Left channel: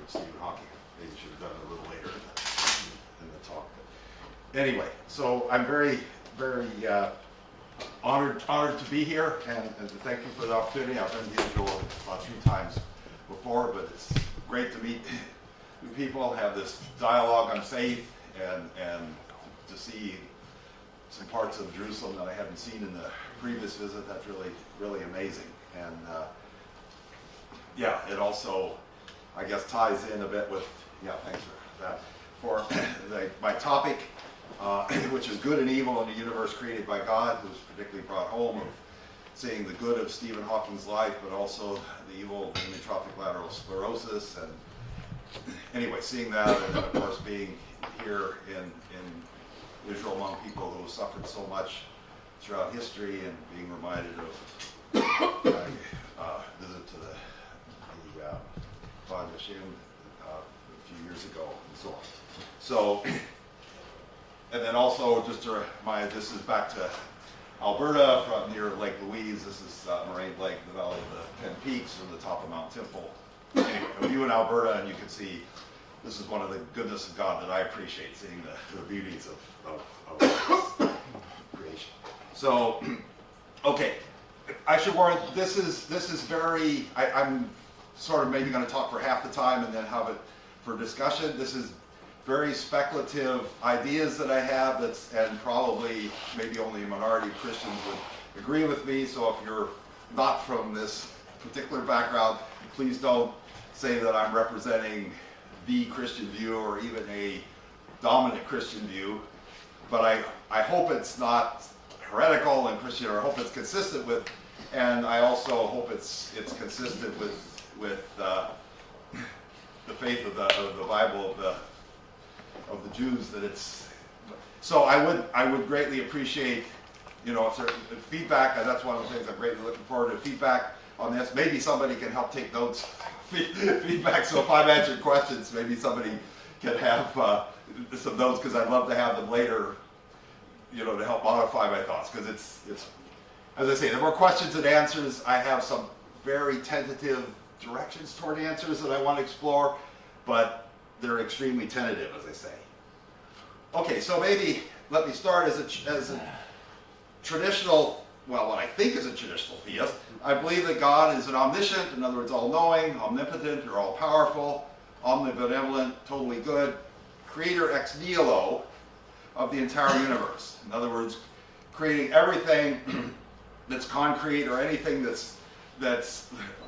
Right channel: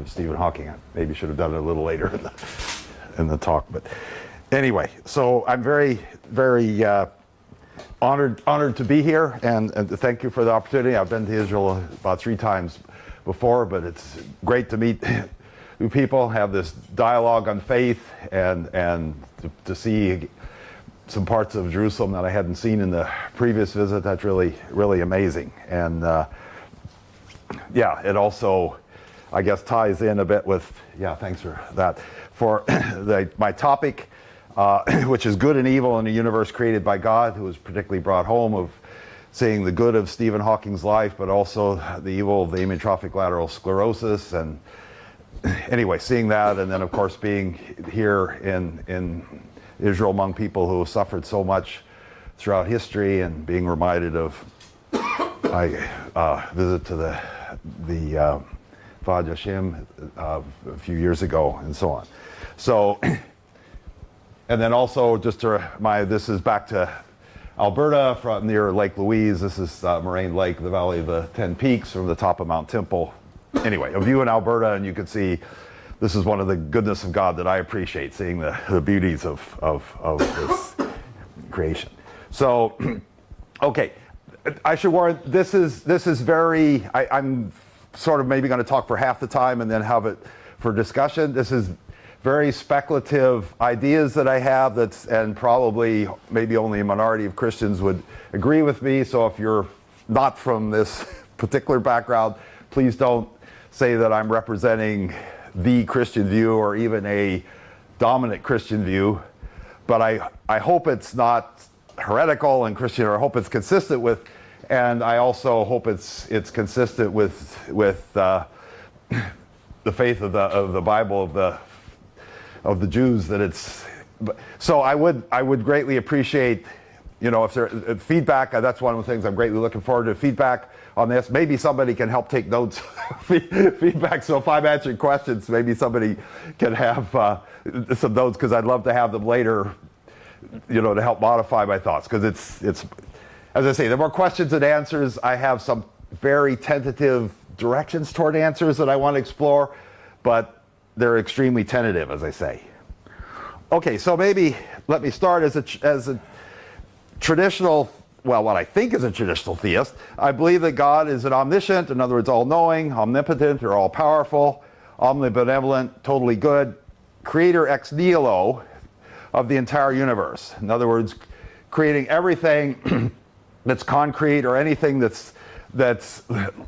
of Stephen Hawking. I maybe should have done it a little later in the talk, but anyway. So I'm very, very honored to be here, and to thank you for the opportunity. I've been to Israel about 3 times before, but it's great to meet new people, have this dialogue on faith, and to see some parts of Jerusalem that I hadn't seen in the previous visit. That's really, really amazing. And yeah, it also, I guess, ties in a bit with, yeah, thanks for that, for my topic, which is good and evil in a universe created by God, who was particularly brought home of seeing the good of Stephen Hawking's life, but also the evil of the amyotrophic lateral sclerosis. And anyway, seeing that, and then of course being here in Israel among people who have suffered so much throughout history, and being reminded of my visit to the Vad Yashim a few years ago, and so on. So, and then also just to remind, this is back to Alberta, from near Lake Louise. This is Moraine Lake, the Valley of the 10 Peaks, from the top of Mount Temple. Anyway, a view in Alberta, and you can see this is one of the goodness of God that I appreciate, seeing the beauties of this creation. So, okay, I should warn, this is very, I'm sort of maybe going to talk for half the time and then have it for discussion. This is very speculative ideas that I have, and probably maybe only a minority of Christians would agree with me. So if you're not from this particular background, please don't say that I'm representing the Christian view or even a dominant Christian view. But I hope it's not heretical and Christian, or I hope it's consistent with, and I also hope it's consistent with the faith of the Bible of the Jews, that it's. So I would greatly appreciate, if there feedback. That's one of the things I'm greatly looking forward to, feedback on this. Maybe somebody can help take notes, feedback. So if I'm answering questions, maybe somebody can have some notes, because I'd love to have them later, to help modify my thoughts. Because it's, as I say, the more questions and answers, I have some very tentative directions toward answers that I want to explore, but they're extremely tentative, as I say. Okay, so maybe let me start as a traditional, well, what I think is a traditional theist. I believe that God is an omniscient, in other words, all-knowing, omnipotent, or all-powerful, omnibenevolent, totally good, creator ex nihilo of the entire universe. In other words, creating everything that's concrete, or anything that's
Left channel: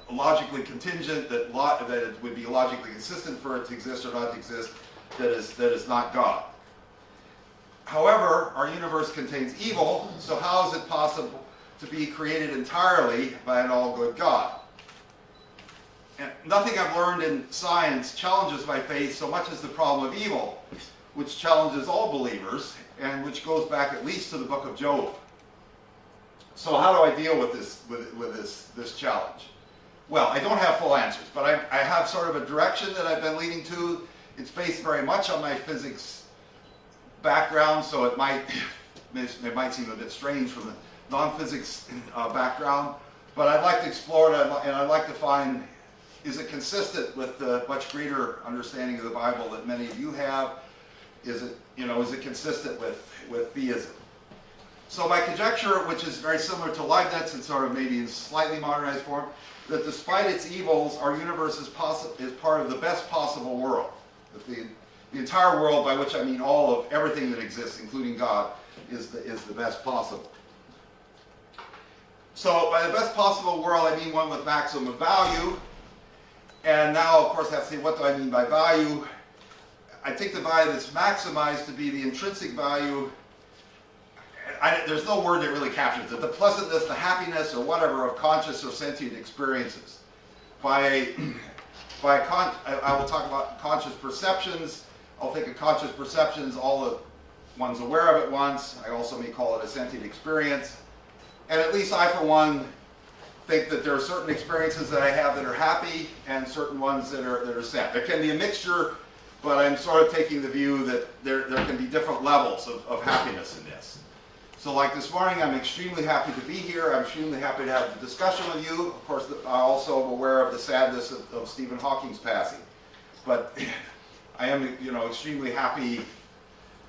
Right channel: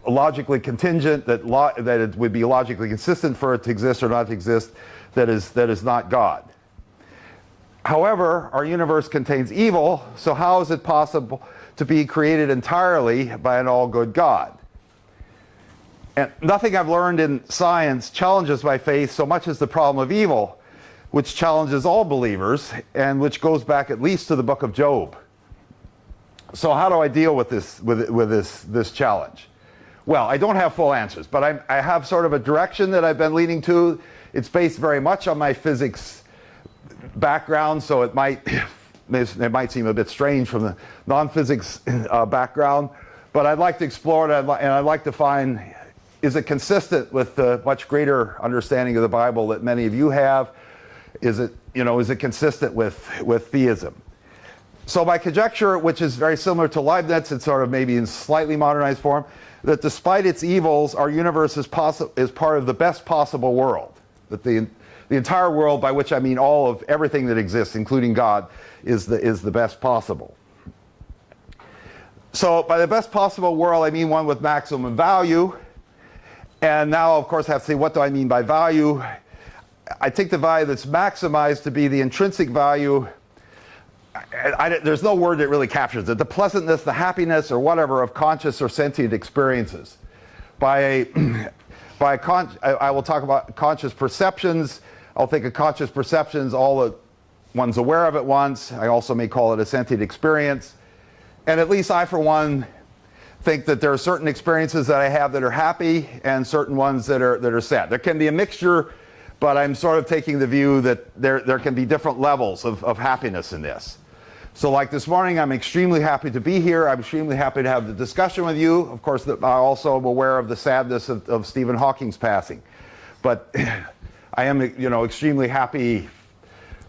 logically contingent, that it would be logically consistent for it to exist or not to exist, that is not God. However, our universe contains evil, so how is it possible to be created entirely by an all-good God? And nothing I've learned in science challenges my faith so much as the problem of evil, which challenges all believers, and which goes back at least to the book of Job. So how do I deal with this challenge? Well, I don't have full answers, but I have sort of a direction that I've been leading to. It's based very much on my physics background, so it might seem a bit strange from the non-physics background, but I'd like to explore it, and I'd like to find, is it consistent with the much greater understanding of the Bible that many of you have? Is it consistent with theism? So my conjecture, which is very similar to Leibniz, and sort of maybe in slightly modernized form, that despite its evils, our universe is part of the best possible world. That the entire world, by which I mean all of everything that exists, including God, is the best possible. So by the best possible world, I mean one with maximum value. And now, of course, I have to say, what do I mean by value? I take the value that's maximized to be the intrinsic value. There's no word that really captures it. The pleasantness, the happiness, or whatever of conscious or sentient experiences. I will talk about conscious perceptions. I'll think of conscious perceptions, all that one's aware of at once. I also may call it a sentient experience. And at least I, for one, think that there are certain experiences that I have that are happy, and certain ones that are sad. There can be a mixture, but I'm sort of taking the view that there can be different levels of happiness in this. So like this morning, I'm extremely happy to be here. I'm extremely happy to have the discussion with you. Of course, I also am aware of the sadness of Stephen Hawking's passing. But I am, extremely happy.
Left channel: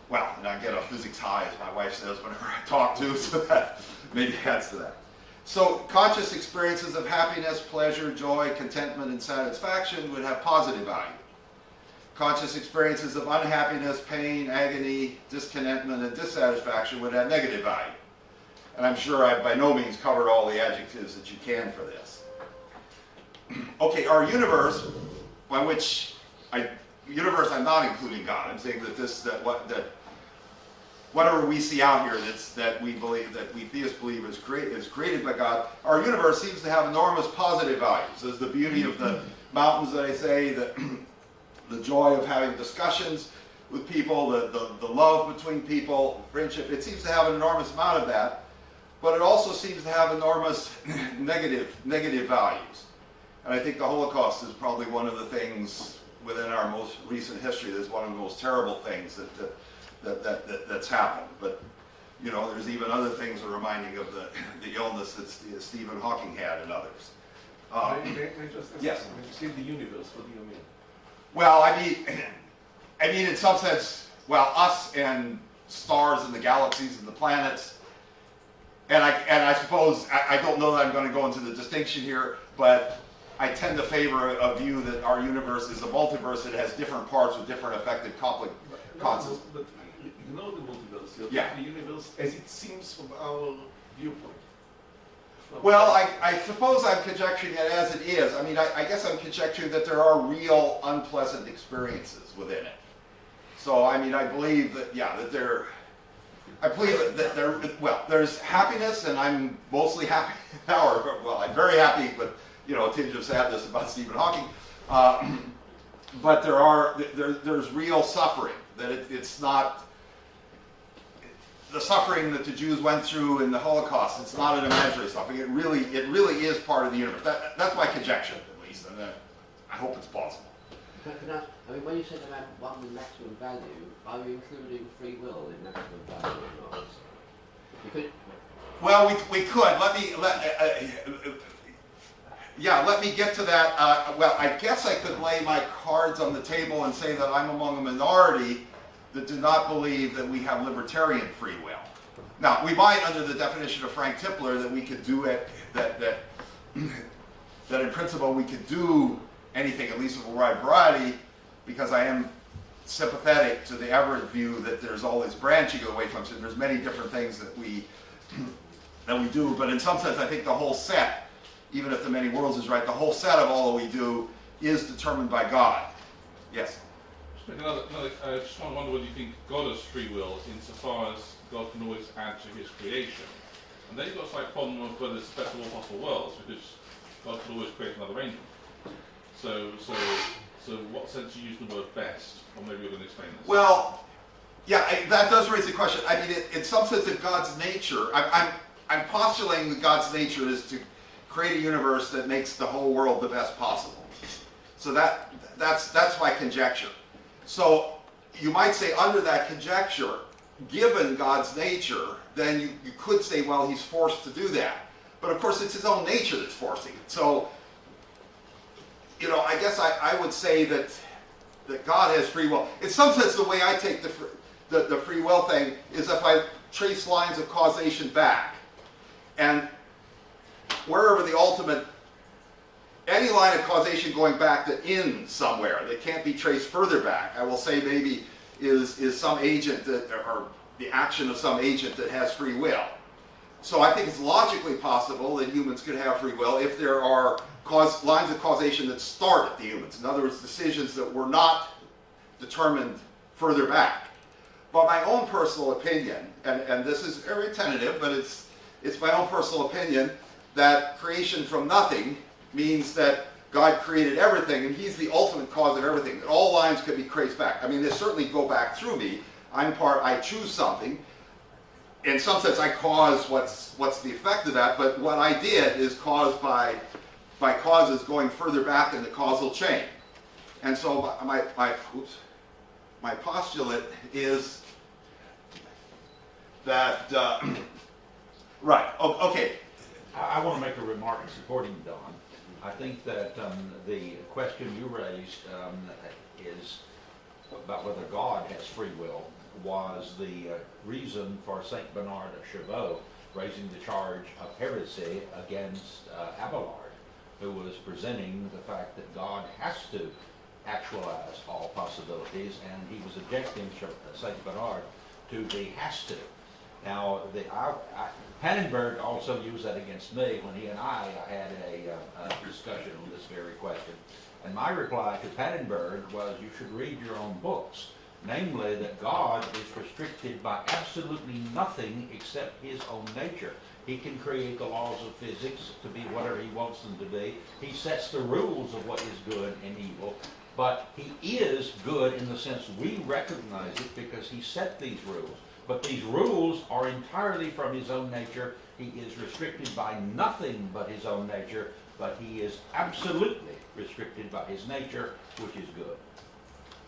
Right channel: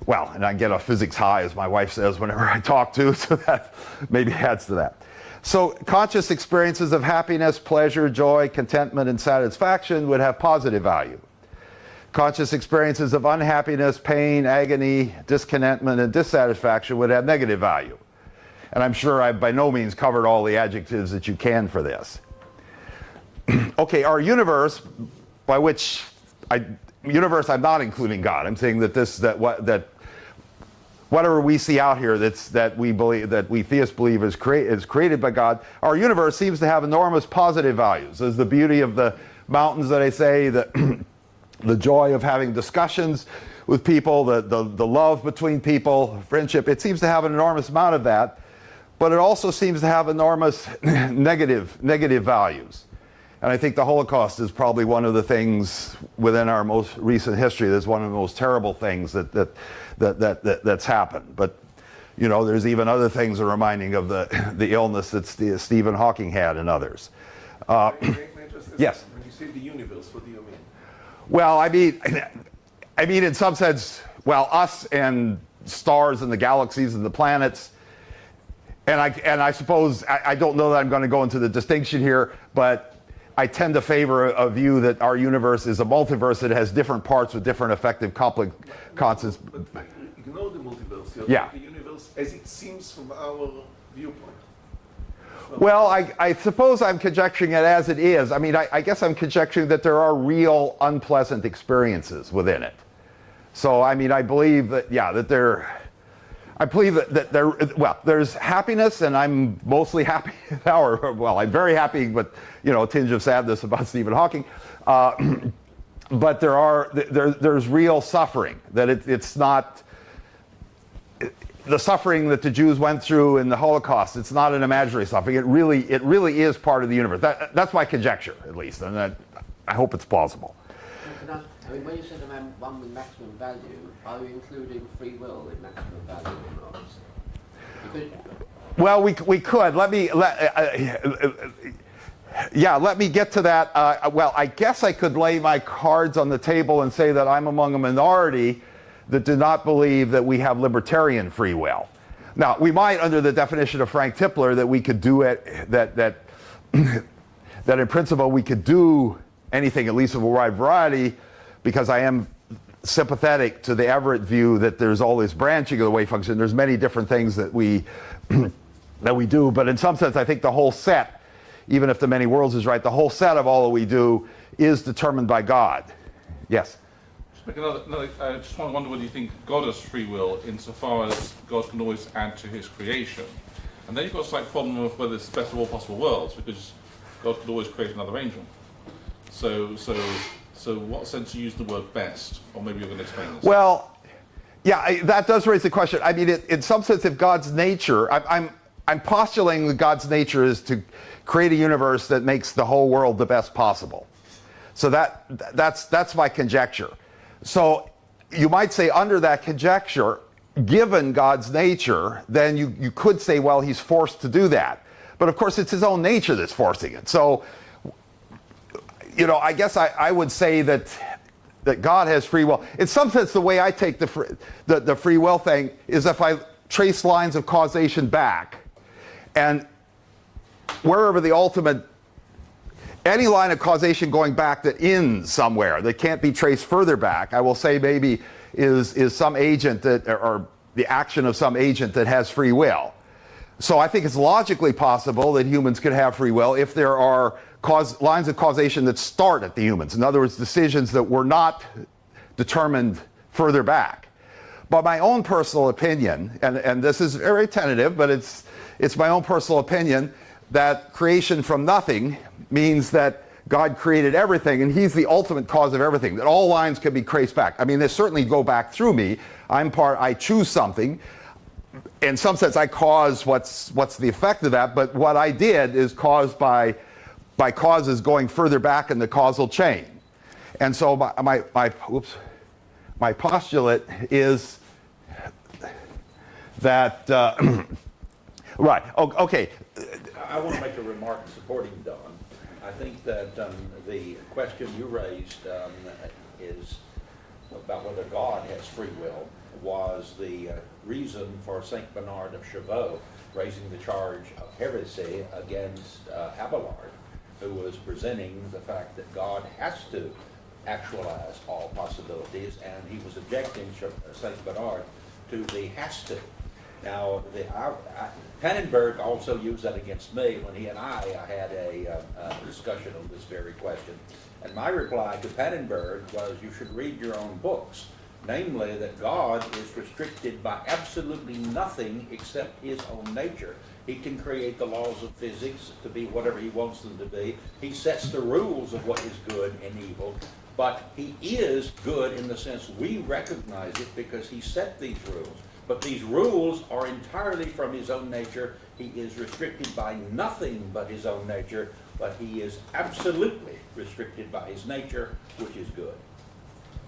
Well, and I get a physics high, as my wife says, whenever I talk to, so that maybe adds to that. So conscious experiences of happiness, pleasure, joy, contentment, and satisfaction would have positive value. Conscious experiences of unhappiness, pain, agony, discontentment, and dissatisfaction would have negative value. And I'm sure I've by no means covered all the adjectives that you can for this. Okay, our universe, by which universe, I'm not including God. I'm saying that whatever we see out here that we theists believe is created by God, our universe seems to have enormous positive values. There's the beauty of the mountains that I say, the joy of having discussions with people, the love between people, friendship. It seems to have an enormous amount of that, but it also seems to have enormous negative values. And I think the Holocaust is probably one of the things within our most recent history that's one of the most terrible things that's happened. But there's even other things that are reminding of the illness that Stephen Hawking had and others. May I just Yes. When you say the universe, what do you mean? Well, I mean in some sense, us and stars and the galaxies and the planets. And I suppose I don't know that I'm going to go into the distinction here, but I tend to favor a view that our universe is a multiverse that has different parts with different effective constants. But you know the multiverse, Yeah. the universe as it seems from our viewpoint. Well, I suppose I'm conjecturing it as it is. I mean, I guess I'm conjecturing that there are real unpleasant experiences within it. So, I mean, I believe that, there's happipiness, and I'm mostly happy now, I'm very happy, but, a tinge of sadness about Stephen Hawking. But there's real suffering, that it's not, the suffering that the Jews went through in the Holocaust, it's not an imaginary suffering. It really is part of the universe. That's my conjecture, at least, and I hope it's plausible. I mean, when you said about one with maximum value, are you including free will in maximum value or not? Well, we could. Let me get to that. I guess I could lay my cards on the table and say that I'm among a minority that do not believe that we have libertarian free will. Now, we might, under the definition of Frank Tipler, that we could do it, that in principle we could do anything, at least of a wide variety, because I am sympathetic to the Everett view that there's all this branching of the wave function. There's many different things that we do, but in some sense I think the whole set, even if the many worlds is right, the whole set of all that we do is determined by God. Yes? I just wonder whether you think God has free will insofar as God can always add to his creation. And then you've got a slight problem of whether it's the best of all possible worlds, because God could always create another angel. So what sense do you use the word best? Or maybe you're going to explain this. Well, that does raise the question. I mean, in some sense, if God's nature, I'm postulating that God's nature is to create a universe that makes the whole world the best possible. So that's my conjecture. So you might say under that conjecture, given God's nature, then you could say, well, he's forced to do that. But of course, it's his own nature that's forcing it. So, I guess I would say that God has free will. In some sense, the way I take the free will thing is if I trace lines of causation back, and wherever the ultimate, any line of causation going back that ends somewhere, that can't be traced further back, I will say maybe is some agent or the action of some agent that has free will. So I think it's logically possible that humans could have free will if there are lines of causation that start at the humans. In other words, decisions that were not determined further back. But my own personal opinion, and this is very tentative, but it's my own personal opinion, that creation from nothing means that God created everything, and he's the ultimate cause of everything, that all lines can be traced back. I mean, they certainly go back through me. I choose something. In some sense, I cause what's the effect of that, but what I did is caused by causes going further back in the causal chain. And so my postulate is that, right, okay. I want to make a remark supporting Don. I think that the question you raised about whether God has free will was the reason for Saint Bernard of Clairvaux raising the charge of heresy against Abelard, who was presenting the fact that God has to actualize all possibilities, and he was objecting, Saint Bernard, to the has to. Now, Pannenberg also used that against me when he and I had a discussion on this very question. And my reply to Pannenberg was, you should read your own books. Namely, that God is restricted by absolutely nothing except his own nature. He can create the laws of physics to be whatever he wants them to be. He sets the rules of what is good and evil. But he is good in the sense we recognize it because he set these rules. But these rules are entirely from his own nature. He is restricted by nothing but his own nature, but he is absolutely restricted by his nature, which is good.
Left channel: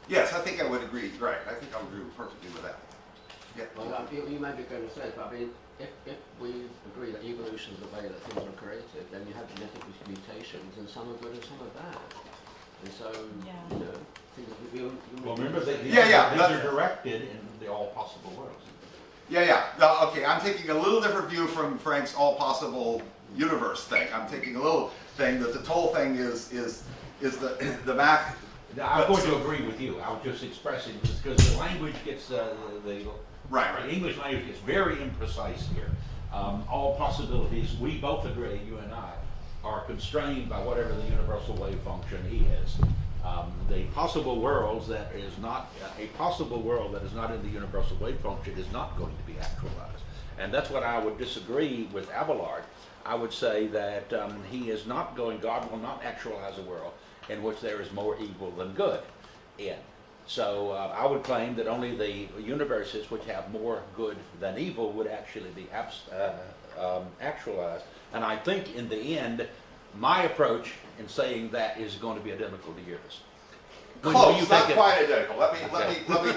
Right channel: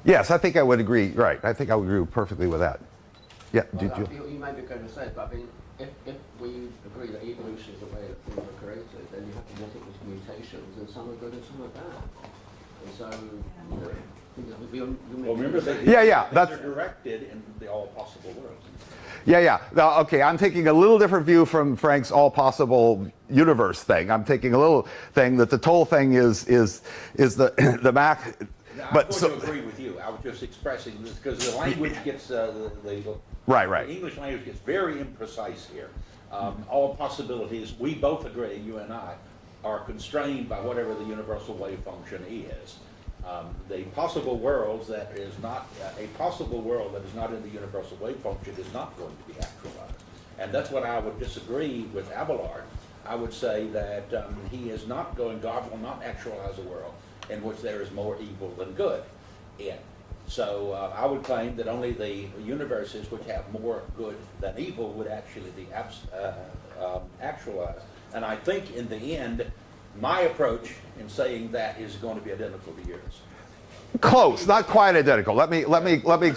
Yes, I think I would agree. Right, I think I would agree perfectly with that. Yeah, did Well, you? you may be going to say, but I mean, if we agree that evolution is the way that things are created, then you have genetic mutations, and some are good and some are bad. And so, you know, things that you Well, remember, Yeah, these are directed in the all possible worlds. Yeah. Now, okay, I'm taking a little different view from Frank's all possible universe thing. I'm taking a little thing that the total thing is the math. Now, But I'm going so- to agree with you. I was just expressing this because the language gets Right. The English language gets very imprecise here. All possibilities, we both agree, you and I, are constrained by whatever the universal wave function is. The possible worlds that is not a possible world that is not in the universal wave function is not going to be actualized, and that's what I would disagree with Abelard. I would say that he is not going. God will not actualize a world in which there is more evil than good in. So I would claim that only the universes which have more good than evil would actually be actualized. And I think in the end, my approach in saying that is going to be identical to yours. Close, not quite identical. Let me let me let me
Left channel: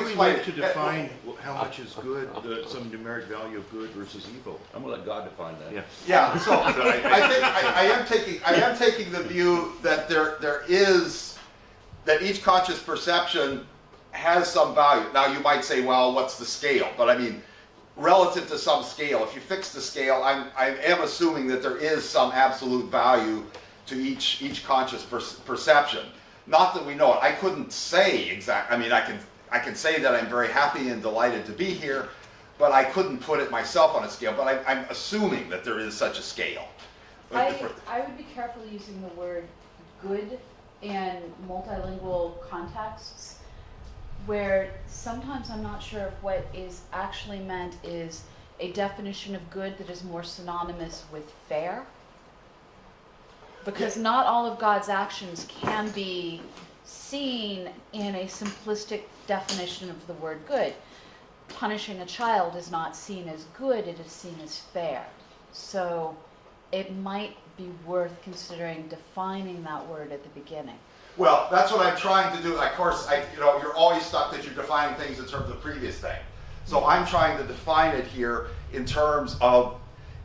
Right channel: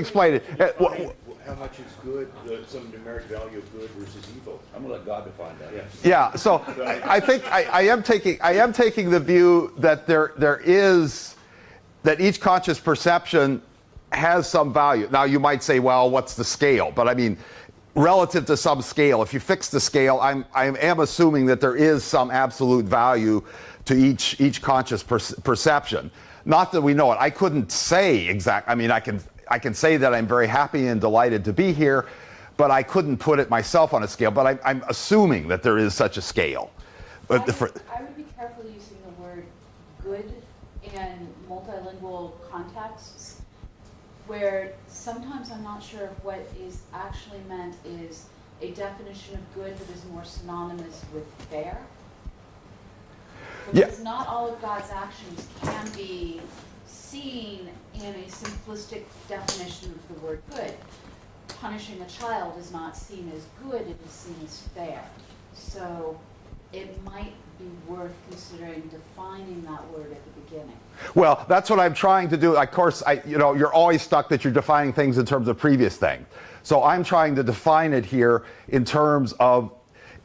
explain it. To define how much is good, some numeric value of good versus evil. I'm going to let God define that. Yes. Yeah, so I think I am taking the view that there is that each conscious perception has some value. Now you might say, well, what's the scale? But I mean, relative to some scale, if you fix the scale, I am assuming that there is some absolute value to each conscious perception. Not that we know it. I couldn't say exact. I mean, I can say that I'm very happy and delighted to be here, but I couldn't put it myself on a scale. But I'm assuming that there is such a scale. But I would be careful using the word good in multilingual contexts, where sometimes I'm not sure if what is actually meant is a definition of good that is more synonymous with fair. Because not all of God's actions can be seen in a simplistic definition of the word good. Punishing a child is not seen as good, it is seen as fair. So it might be worth considering defining that word at the beginning. Well, that's what I'm trying to do. Of course, you're always stuck that you're defining things in terms of previous thing. So I'm trying to define it here in terms of,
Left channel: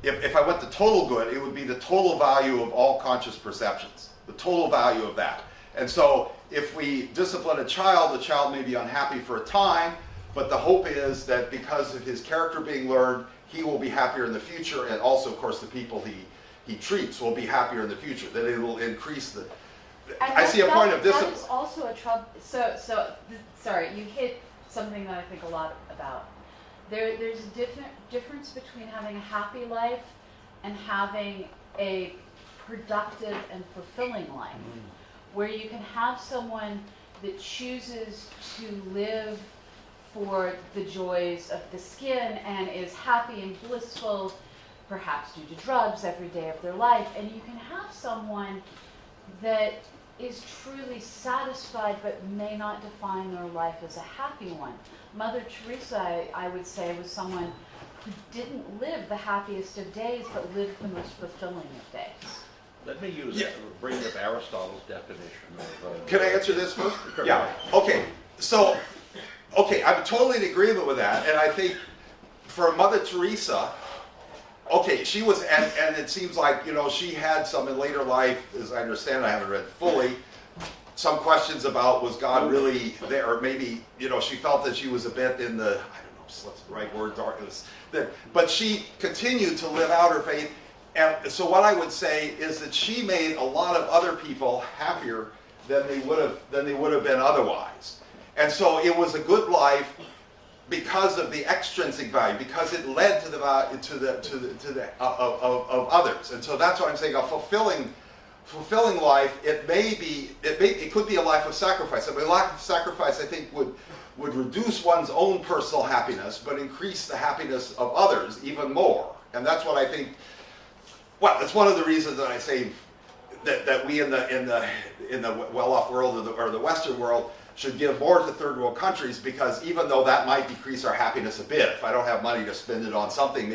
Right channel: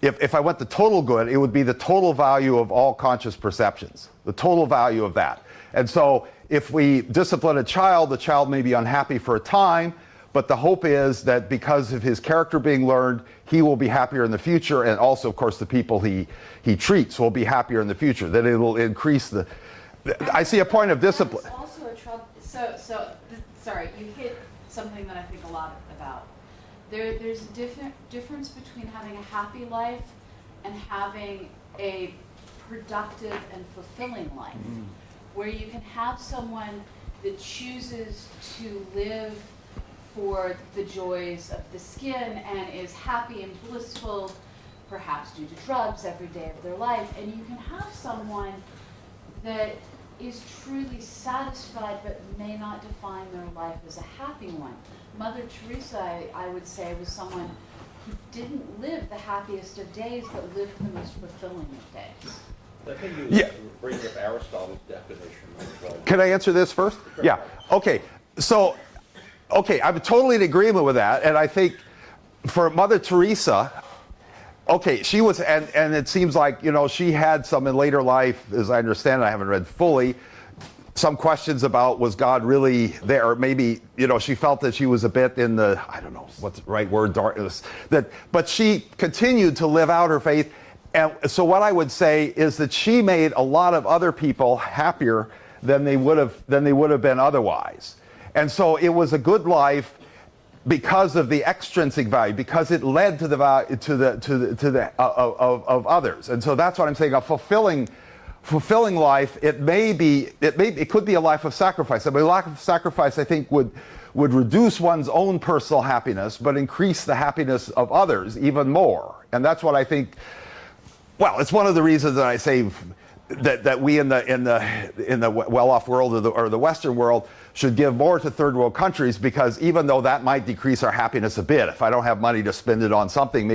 if I went to total good, it would be the total value of all conscious perceptions, the total value of that. And so if we discipline a child, the child may be unhappy for a time, but the hope is that because of his character being learned, he will be happier in the future, and also, of course, the people he treats will be happier in the future. Then it will increase I see a point of discipline. That is also a trouble. Sorry, you hit something that I think a lot about. There's a difference between having a happy life and having a productive and fulfilling life, where you can have someone that chooses to live for the joys of the skin and is happy and blissful, perhaps due to drugs, every day of their life, and you can have someone that is truly satisfied but may not define their life as a happy one. Mother Teresa, I would say, was someone who didn't live the happiest of days but lived the most fulfilling of days. Let me use bring up Aristotle's definition of Can I answer this first? Yeah. Okay. So, I'm totally in agreement with that, and I think for Mother Teresa, she was, and it seems like she had some in later life, as I understand it, I haven't read fully. some questions about, was God really there? Or maybe, you know, she felt that she was a bit in the, I don't know what's the right word, darkness. But she continued to live out her faith. And so what I would say is that she made a lot of other people happier than they would have been otherwise. And so it was a good life because of the extrinsic value, because it led to the value of others. And so that's what I'm saying. A fulfilling life, it could be a life of sacrifice. I mean, a life of sacrifice, I think, would reduce one's own personal happiness, but increase the happiness of others even more. And that's what I think. Well, it's one of the reasons that I say that we in the well-off world or the Western world should give more to third world countries, because even though that might decrease our happiness a bit, if I don't have money to spend it on something,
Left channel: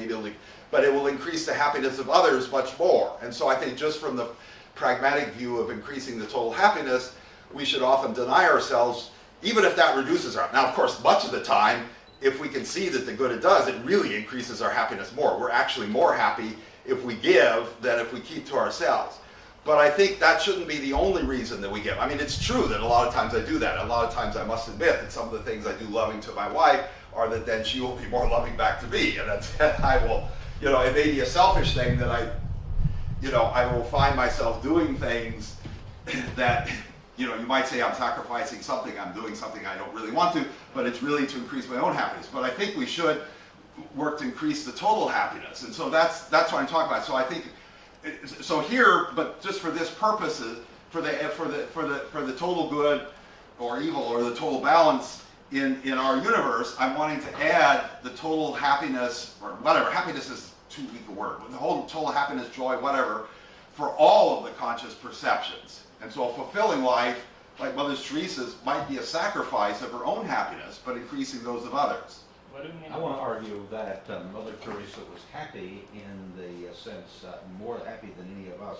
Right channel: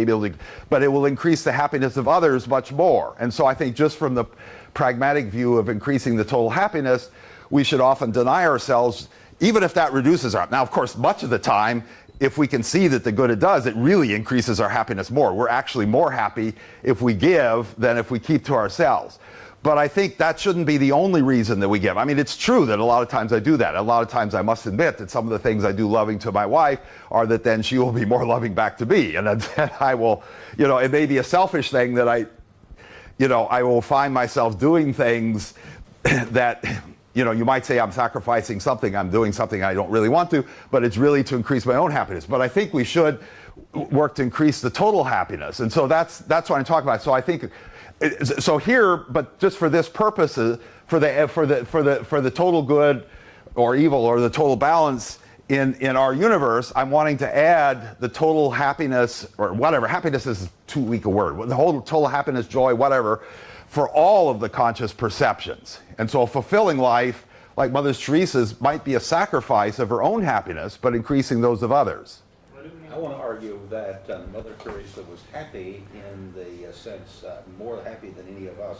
but it will increase the happiness of others much more. And so I think just from the pragmatic view of increasing the total happiness, we should often deny ourselves, even if that reduces our. Now, of course, much of the time, if we can see that the good it does, it really increases our happiness more. We're actually more happy if we give than if we keep to ourselves. But I think that shouldn't be the only reason that we give. I mean, it's true that a lot of times I do that. A lot of times I must admit that some of the things I do loving to my wife are that then she will be more loving back to me. And then I will, you know, it may be a selfish thing that I will find myself doing things that, you know, you might say I'm sacrificing something, I'm doing something I don't really want to, but it's really to increase my own happiness. But I think we should work to increase the total happiness. And so that's what I'm talking about. So I think, so here, but just for this purposes, for the total good or evil or the total balance in our universe, I'm wanting to add the total happiness, or whatever, happiness is too weak a word, the whole total happiness, joy, whatever, for all of the conscious perceptions. And so a fulfilling life, like Mother Teresa's, might be a sacrifice of her own happiness, but increasing those of others. I want to argue that Mother Teresa was happy in the sense, more happy than any of us,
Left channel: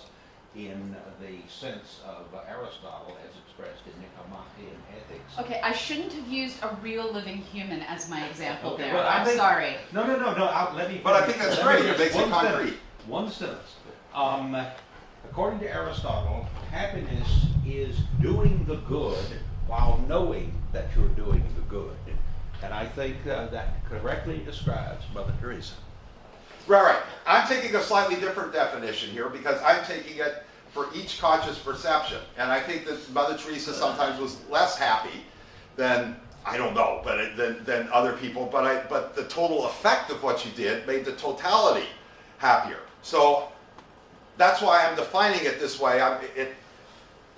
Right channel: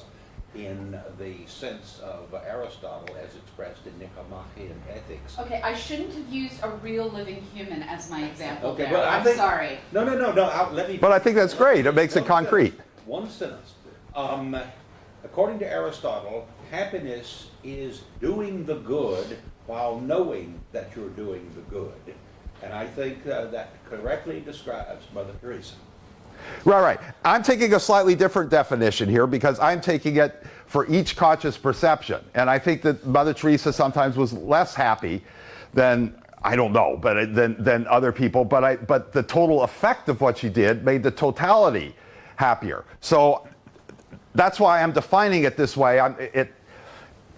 in the sense of Aristotle as expressed in Nicomachean Ethics. Okay, I shouldn't have used a real living human as my example Okay, there. but I I'm think- sorry. No, let me... But I think that's great. It makes it One concrete. One sentence. According to Aristotle, happiness is doing the good while knowing that you're doing the good. And I think that correctly describes Mother Teresa. Right. I'm taking a slightly different definition here because I'm taking it for each conscious perception. And I think that Mother Teresa sometimes was less happy than, I don't know, but than other people. But the total effect of what she did made the totality happier. So that's why I'm defining it this way.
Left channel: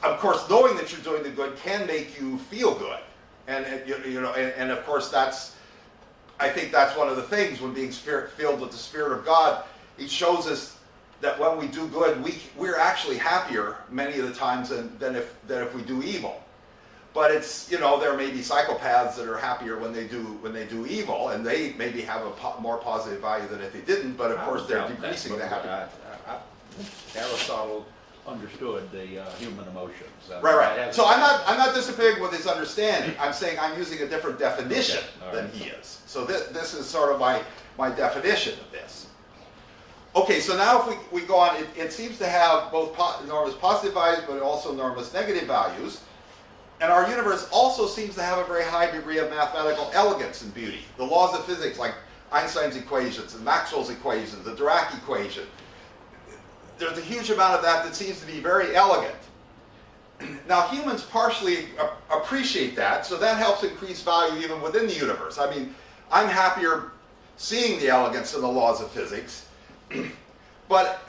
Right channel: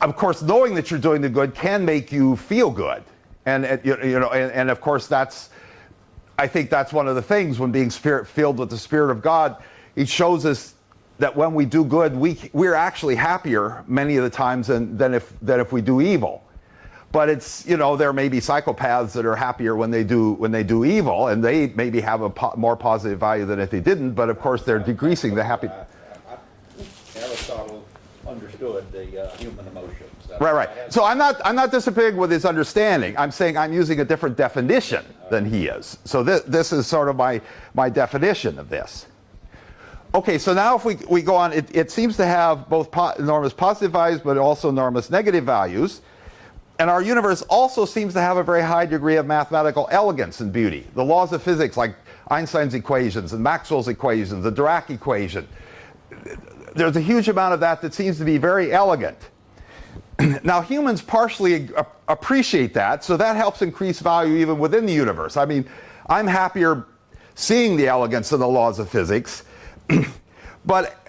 Of course, knowing that you're doing the good can make you feel good. And and of course I think that's one of the things when being filled with the Spirit of God. He shows us that when we do good, we're actually happier many of the times than if we do evil. But it's, there may be psychopaths that are happier when they do evil, and they maybe have a more positive value than if they didn't. But of course, they're decreasing the happy. Aristotle understood the human emotions. Right. So I'm not disagreeing with his understanding. I'm saying I'm using a different definition than he is. So this is sort of my definition of this. Okay, so now if we go on, it seems to have both enormous positive values, but also enormous negative values. And our universe also seems to have a very high degree of mathematical elegance and beauty. The laws of physics, like Einstein's equations and Maxwell's equations, the Dirac equation, there's a huge amount of that seems to be very elegant. Now, humans partially appreciate that, so that helps increase value even within the universe. I mean, I'm happier seeing the elegance of the laws of physics, but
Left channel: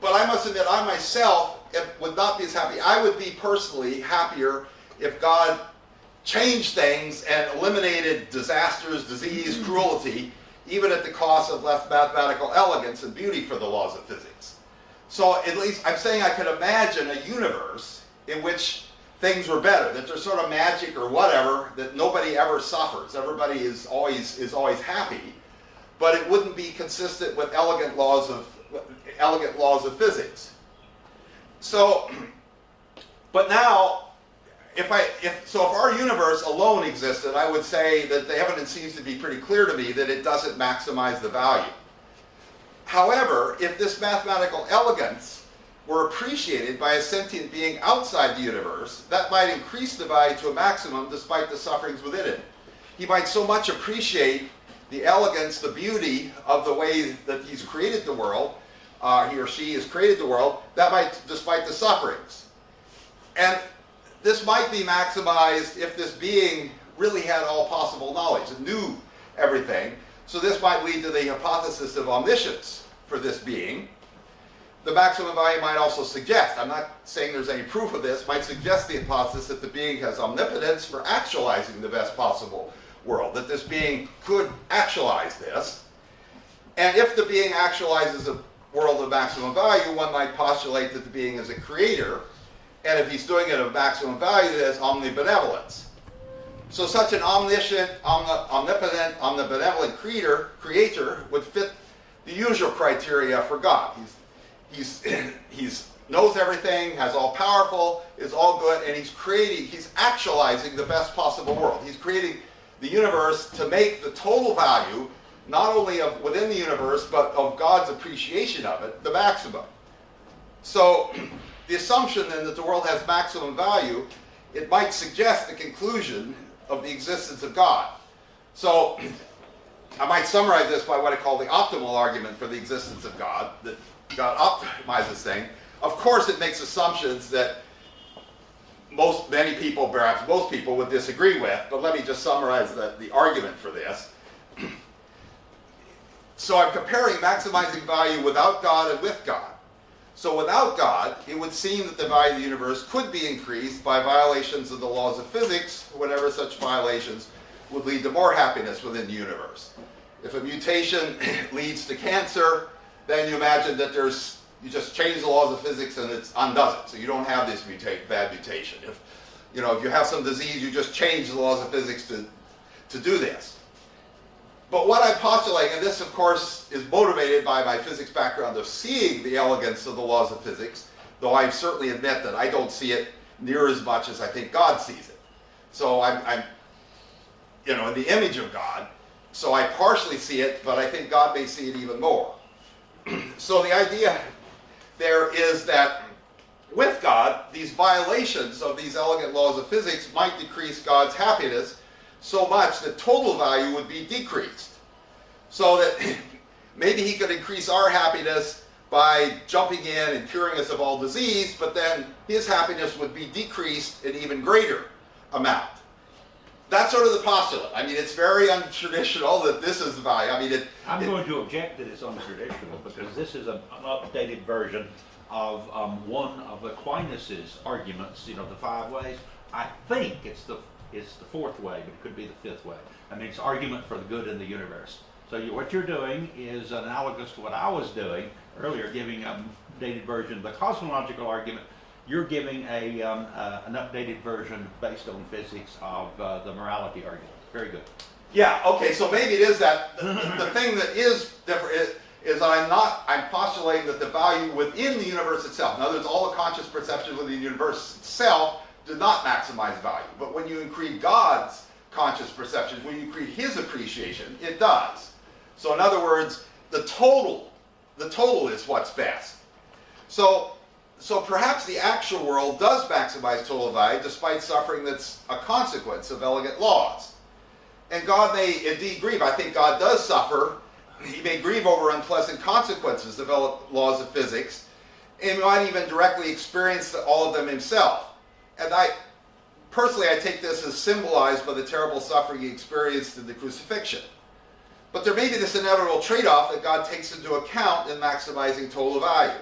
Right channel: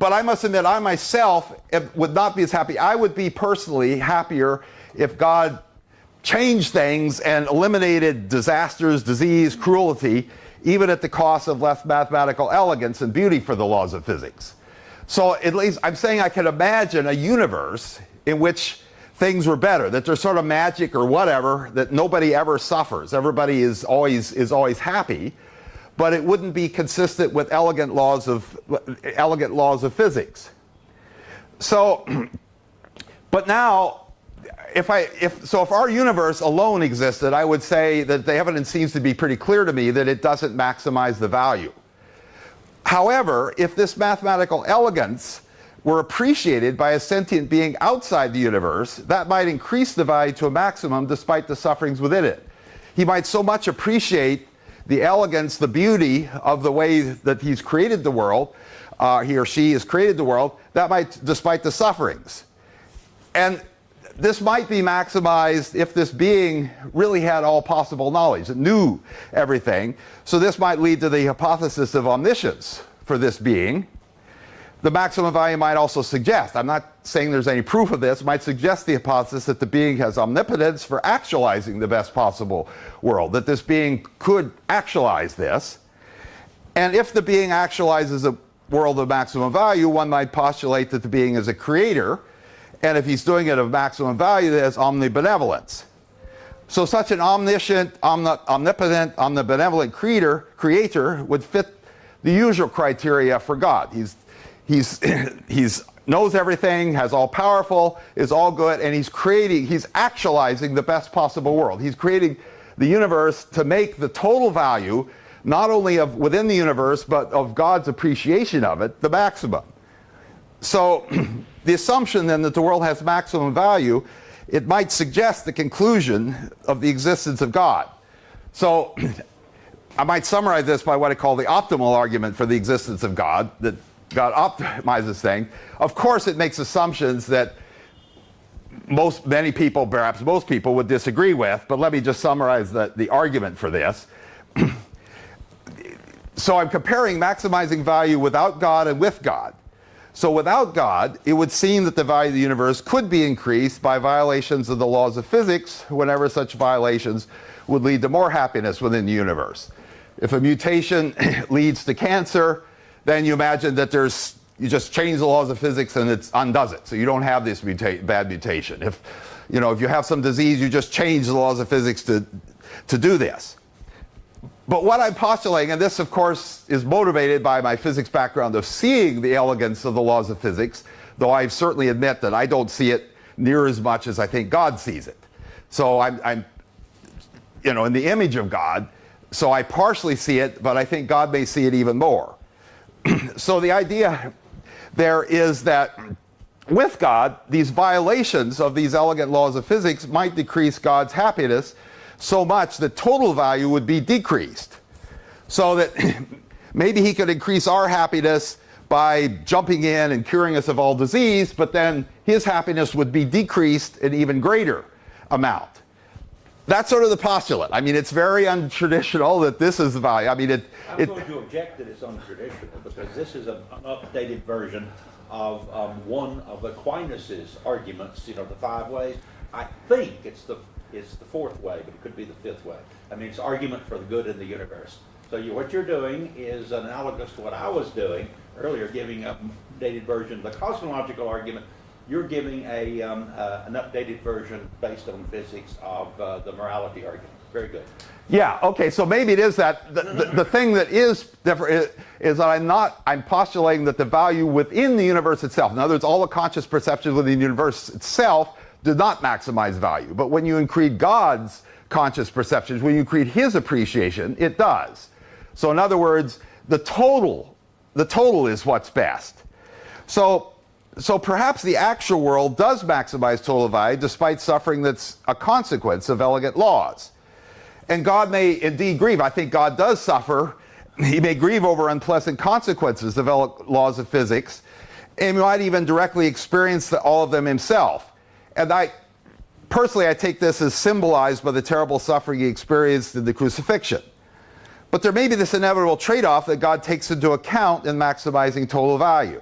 I must admit, I myself would not be as happy. I would be personally happier if God changed things and eliminated disasters, disease, cruelty, even at the cost of less mathematical elegance and beauty for the laws of physics. So at least I'm saying I can imagine a universe in which things were better, that there's sort of magic or whatever, that nobody ever suffers. Everybody is always happy, but it wouldn't be consistent with elegant laws of physics. So, but now, if our universe alone existed, I would say that the evidence seems to be pretty clear to me that it doesn't maximize the value. However, if this mathematical elegance were appreciated by a sentient being outside the universe, that might increase the value to a maximum despite the sufferings within it. He might so much appreciate the elegance, the beauty of the way that he's created the world, he or she has created the world, that might, despite the sufferings. And this might be maximized if this being really had all possible knowledge, it knew everything. So this might lead to the hypothesis of omniscience for this being. The maximum value might also suggest, I'm not saying there's any proof of this, might suggest the hypothesis that the being has omnipotence for actualizing the best possible world, that this being could actualize this. And if the being actualizes a world of maximum value, one might postulate that the being is a creator, and if he's doing it of maximum value, that is omnibenevolence. So such an omniscient, omnipotent, omnibenevolent creator would fit the usual criteria for God. He's knows everything, has all powerful, is all good, and he's actualizing the best possible world. He's creating the universe to make the total value, not only of within the universe, but of God's appreciation of it, the maximum. So the assumption then that the world has maximum value, it might suggest the conclusion of the existence of God. So I might summarize this by what I call the optimal argument for the existence of God, that God optimizes things. Of course, it makes assumptions that many people, perhaps most people, would disagree with, but let me just summarize the argument for this. So I'm comparing maximizing value without God and with God. So without God, it would seem that the value of the universe could be increased by violations of the laws of physics whenever such violations would lead to more happiness within the universe. If a mutation leads to cancer, then you imagine that you just change the laws of physics and it undoes it. So you don't have this bad mutation. If you have some disease, you just change the laws of physics to do this. But what I'm postulating, and this of course is motivated by my physics background of seeing the elegance of the laws of physics, though I certainly admit that I don't see it near as much as I think God sees it. So I'm in the image of God, so I partially see it, but I think God may see it even more. So the idea there is that with God, these violations of these elegant laws of physics might decrease God's happiness so much that total value would be decreased. So that maybe he could increase our happiness by jumping in and curing us of all disease, but then his happiness would be decreased an even greater amount. That's sort of the postulate. I mean, it's very untraditional that this is the value. I mean, I'm going to object that it's untraditional because this is an updated version of one of Aquinas's arguments, the 5 ways. I think it's the 4th way, but it could be the 5th way. I mean, it's argument for the good of the universe. So what you're doing is analogous to what I was doing earlier, giving an updated version of the cosmological argument. You're giving an updated version based on physics of the morality argument. Very good. Yeah, okay, so maybe it is that the thing that is different is that I'm postulating that the value within the universe itself, in other words, all the conscious perceptions within the universe itself do not maximize value. But when you include God's conscious perceptions, when you include his appreciation, it does. So in other words, the total is what's best. So perhaps the actual world does maximize total value despite suffering that's a consequence of elegant laws. And God may indeed grieve. I think God does suffer. He may grieve over unpleasant consequences of laws of physics, and he might even directly experience all of them himself. And I take this as symbolized by the terrible suffering he experienced in the crucifixion. But there may be this inevitable trade-off that God takes into account in maximizing total value.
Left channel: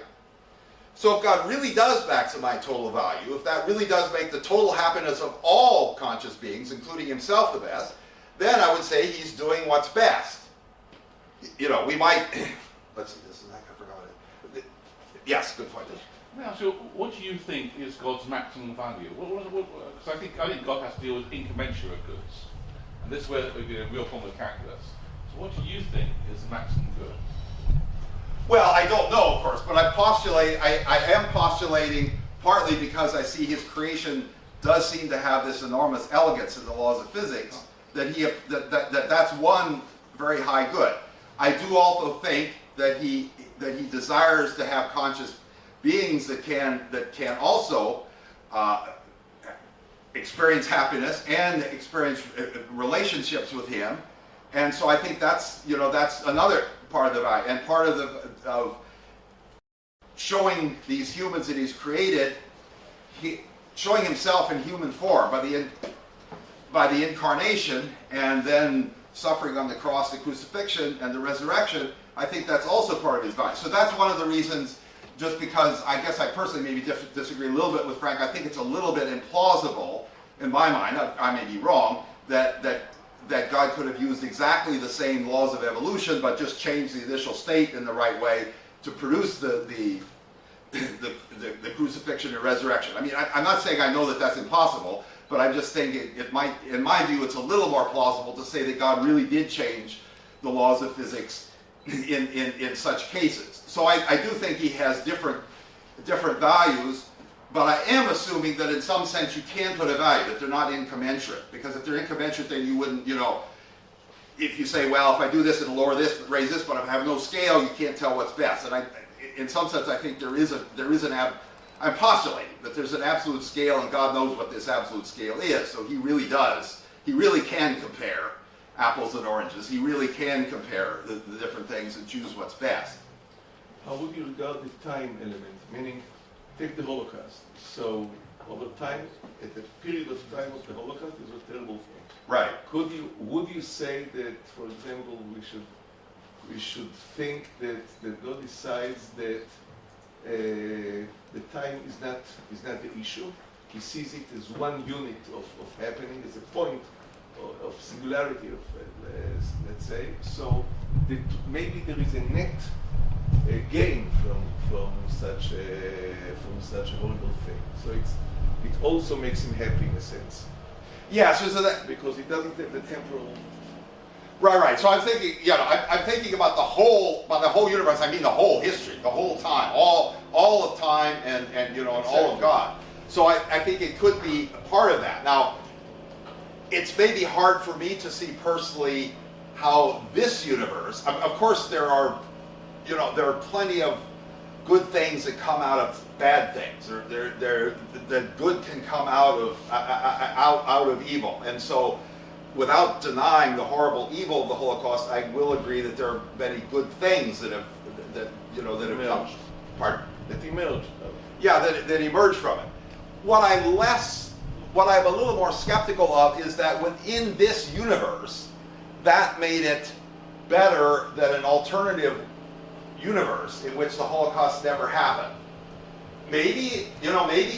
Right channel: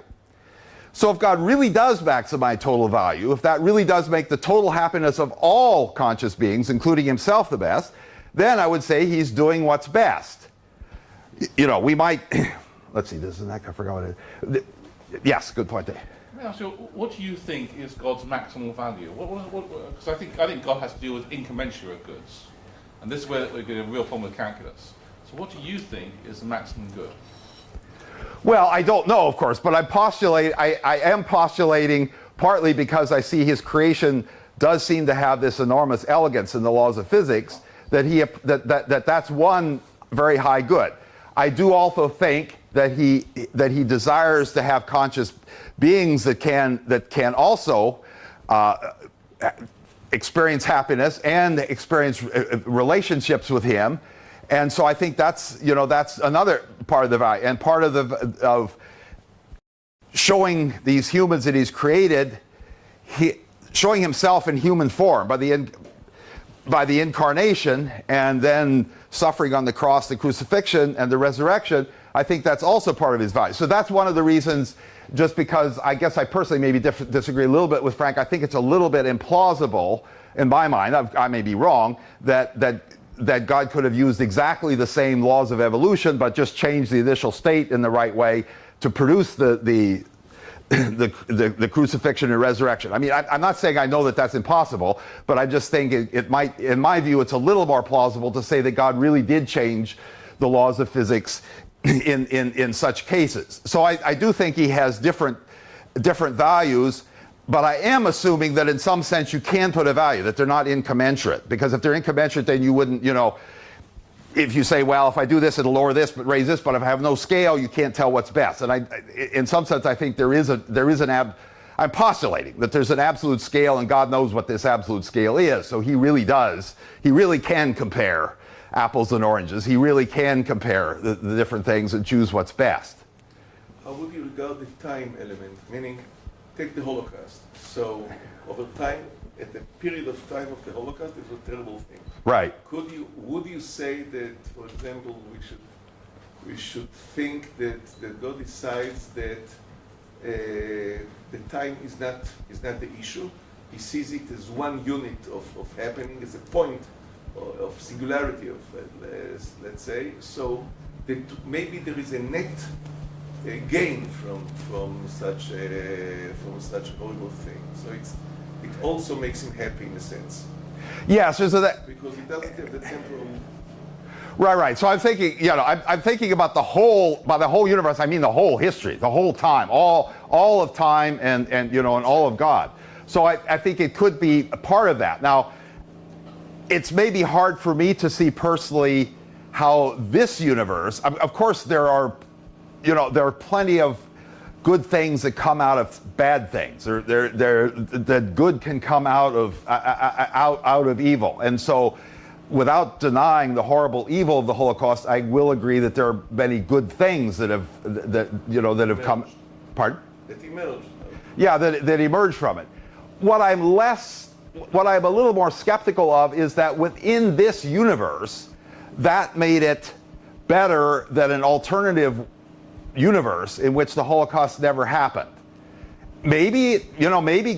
So if God really does maximize total value, if that really does make the total happiness of all conscious beings, including himself, the best, then I would say he's doing what's best. We might, let's see, this is that, I forgot what it is. Yes, good point there. Let me ask you, what do you think is God's maximum value? Because I think God has to deal with incommensurate goods. And this is where we get a real problem with calculus. So what do you think is the maximum good? Well, I don't know, of course, but I am postulating partly because I see his creation does seem to have this enormous elegance in the laws of physics, that's one very high good. I do also think that he desires to have conscious beings that can also experience happiness and experience relationships with him. And so I think that's another part of the value, and part of showing these humans that he's created, showing himself in human form by the incarnation, and then suffering on the cross, the crucifixion, and the resurrection. I think that's also part of his value. So that's one of the reasons, just because I guess I personally maybe disagree a little bit with Frank. I think it's a little bit implausible in my mind, I may be wrong, that God could have used exactly the same laws of evolution, but just changed the initial state in the right way to produce the crucifixion and resurrection. I mean, I'm not saying I know that that's impossible, but I just think it might, in my view, it's a little more plausible to say that God really did change the laws of physics in such cases. So I do think he has different values, but I am assuming that in some sense you can put a value, that they're not incommensurate. Because if they're incommensurate, then you wouldn't, if you say, well, if I do this, it'll lower this, but raise this, but if I have no scale, you can't tell what's best. And in some sense, I think I'm postulating that there's an absolute scale, and God knows what this absolute scale is. So he really can compare apples and oranges. He really can compare the different things and choose what's best. How would you regard the time element? Meaning, take the Holocaust. So, over time, at the period of time of the Holocaust, it was a terrible thing. Right. Would you say that, for example, we should think that God decides that the time is not the issue? He sees it as one unit of happening, as a point of singularity, let's say. So that maybe there is a net gain from such a horrible thing. So it also makes him happy in a sense. Yeah, so that, because he doesn't get the temporal. Right. So I'm thinking, I'm thinking about the whole universe. I mean, the whole history, the whole time, all of time, and all of God. So I think it could be a part of that. Now, it's maybe hard for me to see personally how this universe. Of course, there are plenty of good things that come out of bad things. That good can come out of evil, and so, without denying the horrible evil of the Holocaust, I will agree that there are many good things that have come. Pardon? That emerged. Yeah, that emerged from it. What I'm a little more skeptical of is that within this universe, that made it better than an alternative universe in which the Holocaust never happened. Maybe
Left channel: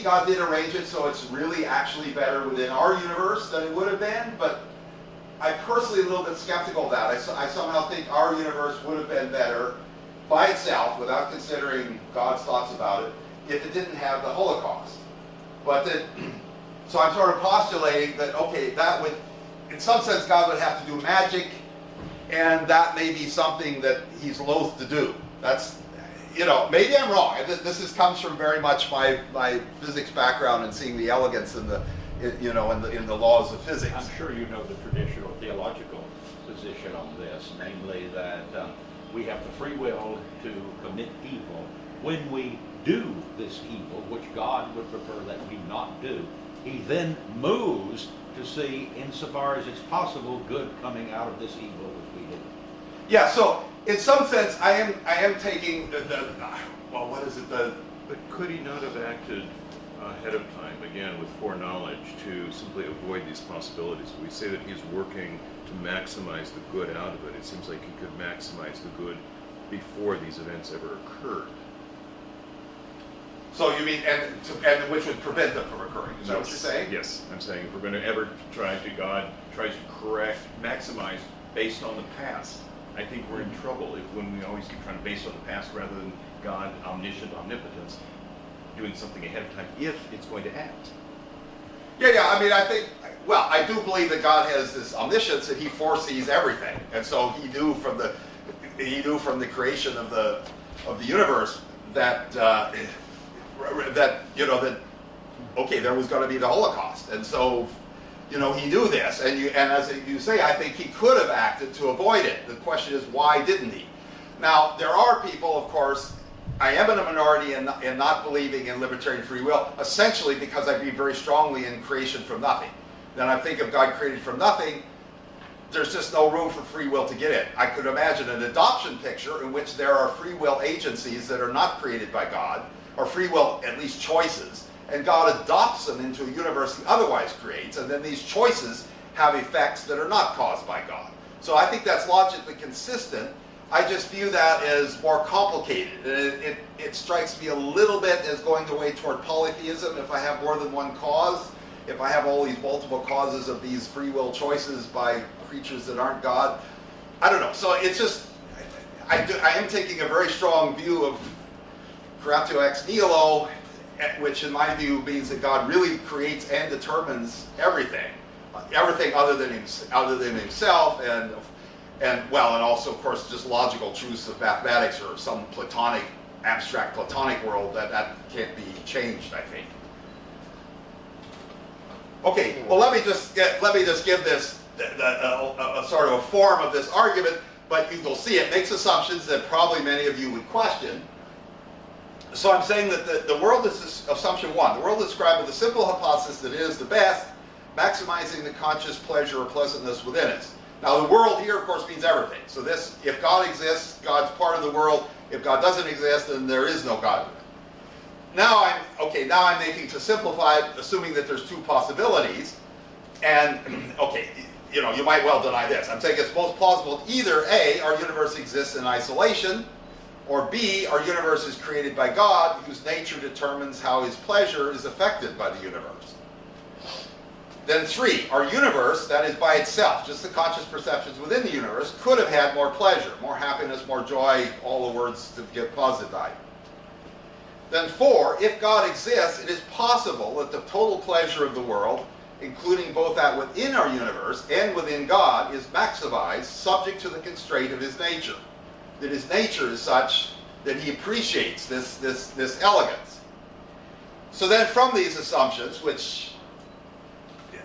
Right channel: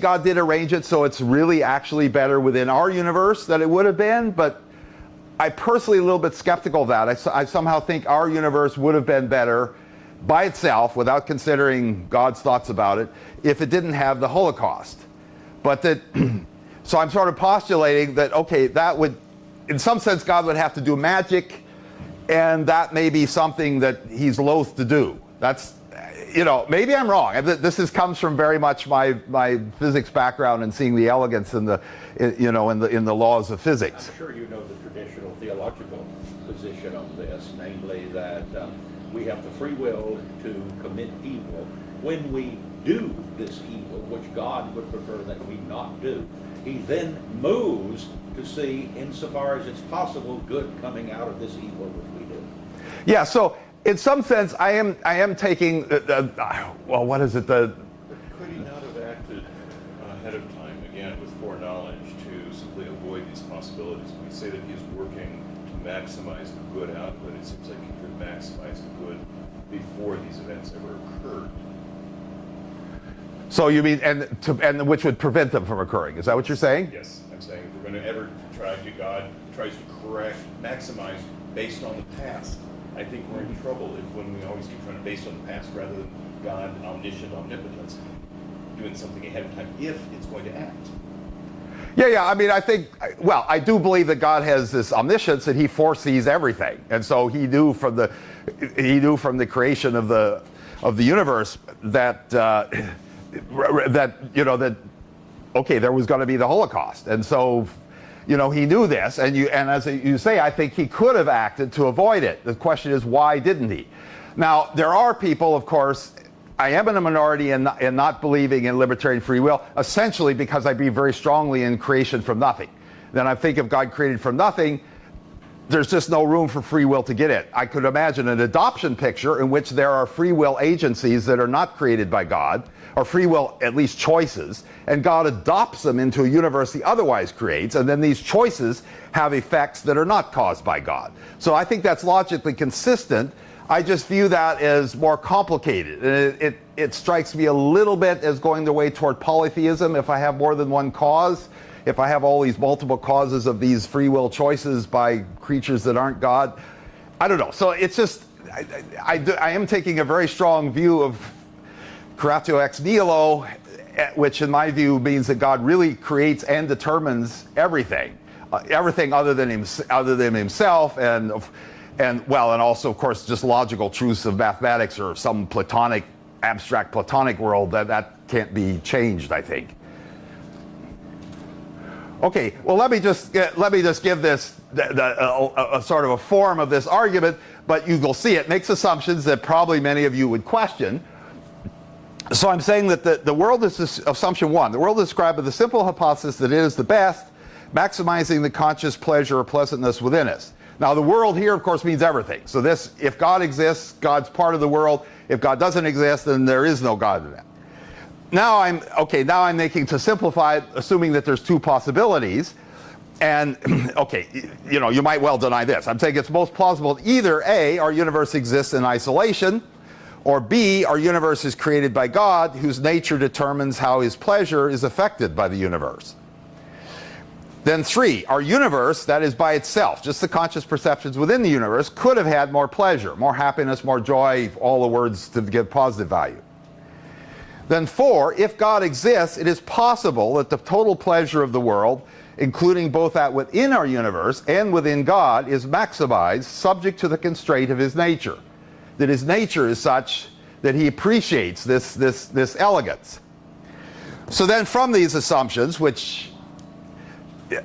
God did arrange it so it's really actually better within our universe than it would have been, but I personally a little bit skeptical of that. I somehow think our universe would have been better by itself, without considering God's thoughts about it, if it didn't have the Holocaust. But so I'm sort of postulating that, okay, that would, in some sense, God would have to do magic, and that may be something that he's loath to do. That's, maybe I'm wrong. This comes from very much my physics background and seeing the elegance in the laws of physics. I'm sure you know the traditional theological position of this, namely that we have the free will to commit evil. When we do this evil, which God would prefer that we not do, he then moves to see, insofar as it's possible, good coming out of this evil which we do. Yeah, so in some sense, I am taking what is it? But could he not have acted ahead of time, again, with foreknowledge, to simply avoid these possibilities? We say that he's working to maximize the good out of it. It seems like he could maximize the good before these events ever occurred. So you mean, and which would prevent them from occurring? Is that what you're saying? Yes, I'm saying if we're going to ever God tries to maximize based on the past, I think we're in trouble when we always keep trying to base on the past rather than God, omniscient, omnipotence, doing something ahead of time if it's going to act. Yeah. I mean, I do believe that God has this omniscience and he foresees everything, and so he knew from the creation of the universe that okay, there was going to be the Holocaust, and so he knew this, and as you say, I think he could have acted to avoid it. The question is, why didn't he? Now, there are people, of course, I am in a minority in not believing in libertarian free will, essentially because I believe very strongly in creation from nothing. Then I think if God created from nothing, there's just no room for free will to get in. I could imagine an adoption picture in which there are free will agencies that are not created by God, or free will, at least choices, and God adopts them into a universe he otherwise creates, and then these choices have effects that are not caused by God. So I think that's logically consistent. I just view that as more complicated. And it strikes me a little bit as going the way toward polytheism. If I have more than one cause, if I have all these multiple causes of these free will choices by creatures that aren't God, I don't know. So it's just, I am taking a very strong view of creatio ex nihilo, which in my view means that God really creates and determines everything, everything other than himself, and also of course just logical truths of mathematics or some Platonic, abstract Platonic world that can't be changed, I think. Okay, well let me just give this a sort of a form of this argument, but you will see it makes assumptions that probably many of you would question. So I'm saying that the world is this, assumption one. The world is described with a simple hypothesis that it is the best, maximizing the conscious pleasure or pleasantness within us. Now the world here, of course, means everything. So this, if God exists, God's part of the world. If God doesn't exist, then there is no God in it. Now I'm making, to simplify it, assuming that there's two possibilities. And, okay, you know, you might well deny this. I'm saying it's most plausible either A, our universe exists in isolation, or B, our universe is created by God, whose nature determines how his pleasure is affected by the universe. Then 3, our universe, that is by itself, just the conscious perceptions within the universe, could have had more pleasure, more happiness, more joy, all the words to give positive value. Then 4, if God exists, it is possible that the total pleasure of the world, including both that within our universe and within God, is maximized, subject to the constraint of his nature. That his nature is such that he appreciates this elegance. So then from these assumptions, which,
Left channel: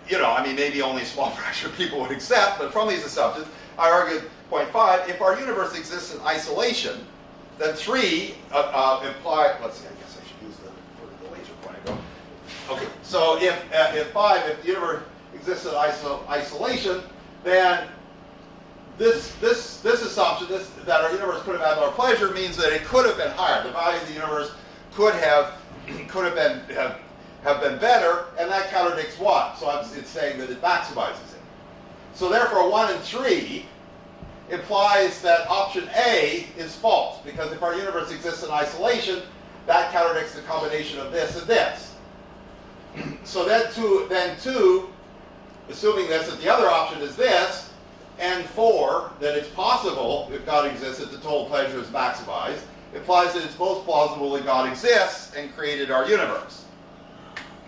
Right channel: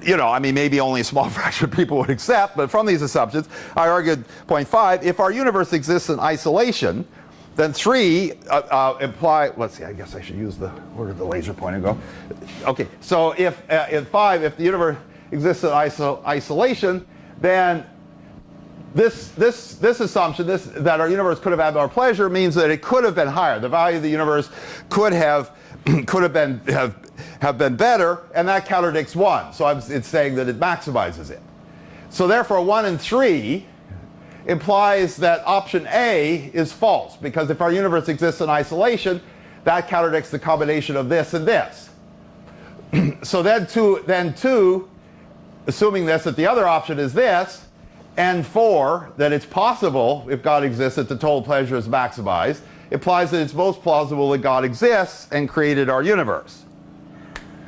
you know, I mean, maybe only a small fraction of people would accept, but from these assumptions, I argued, point 5, if our universe exists in isolation, then 3 imply, let's see, I guess I should use where did the laser pointer go? Okay, so if, in 5, if the universe exists in isolation, then this assumption, that our universe could have had more pleasure, means that it could have been higher. The value of the universe could have been better, and that contradicts 1. So it's saying that it maximizes it. So therefore, 1 and 3 implies that option A is false, because if our universe exists in isolation, that contradicts the combination of this and this. So then 2, assuming this, that the other option is this, and 4, that it's possible, if God exists, that the total pleasure is maximized, implies that it's most plausible that God exists and created our universe.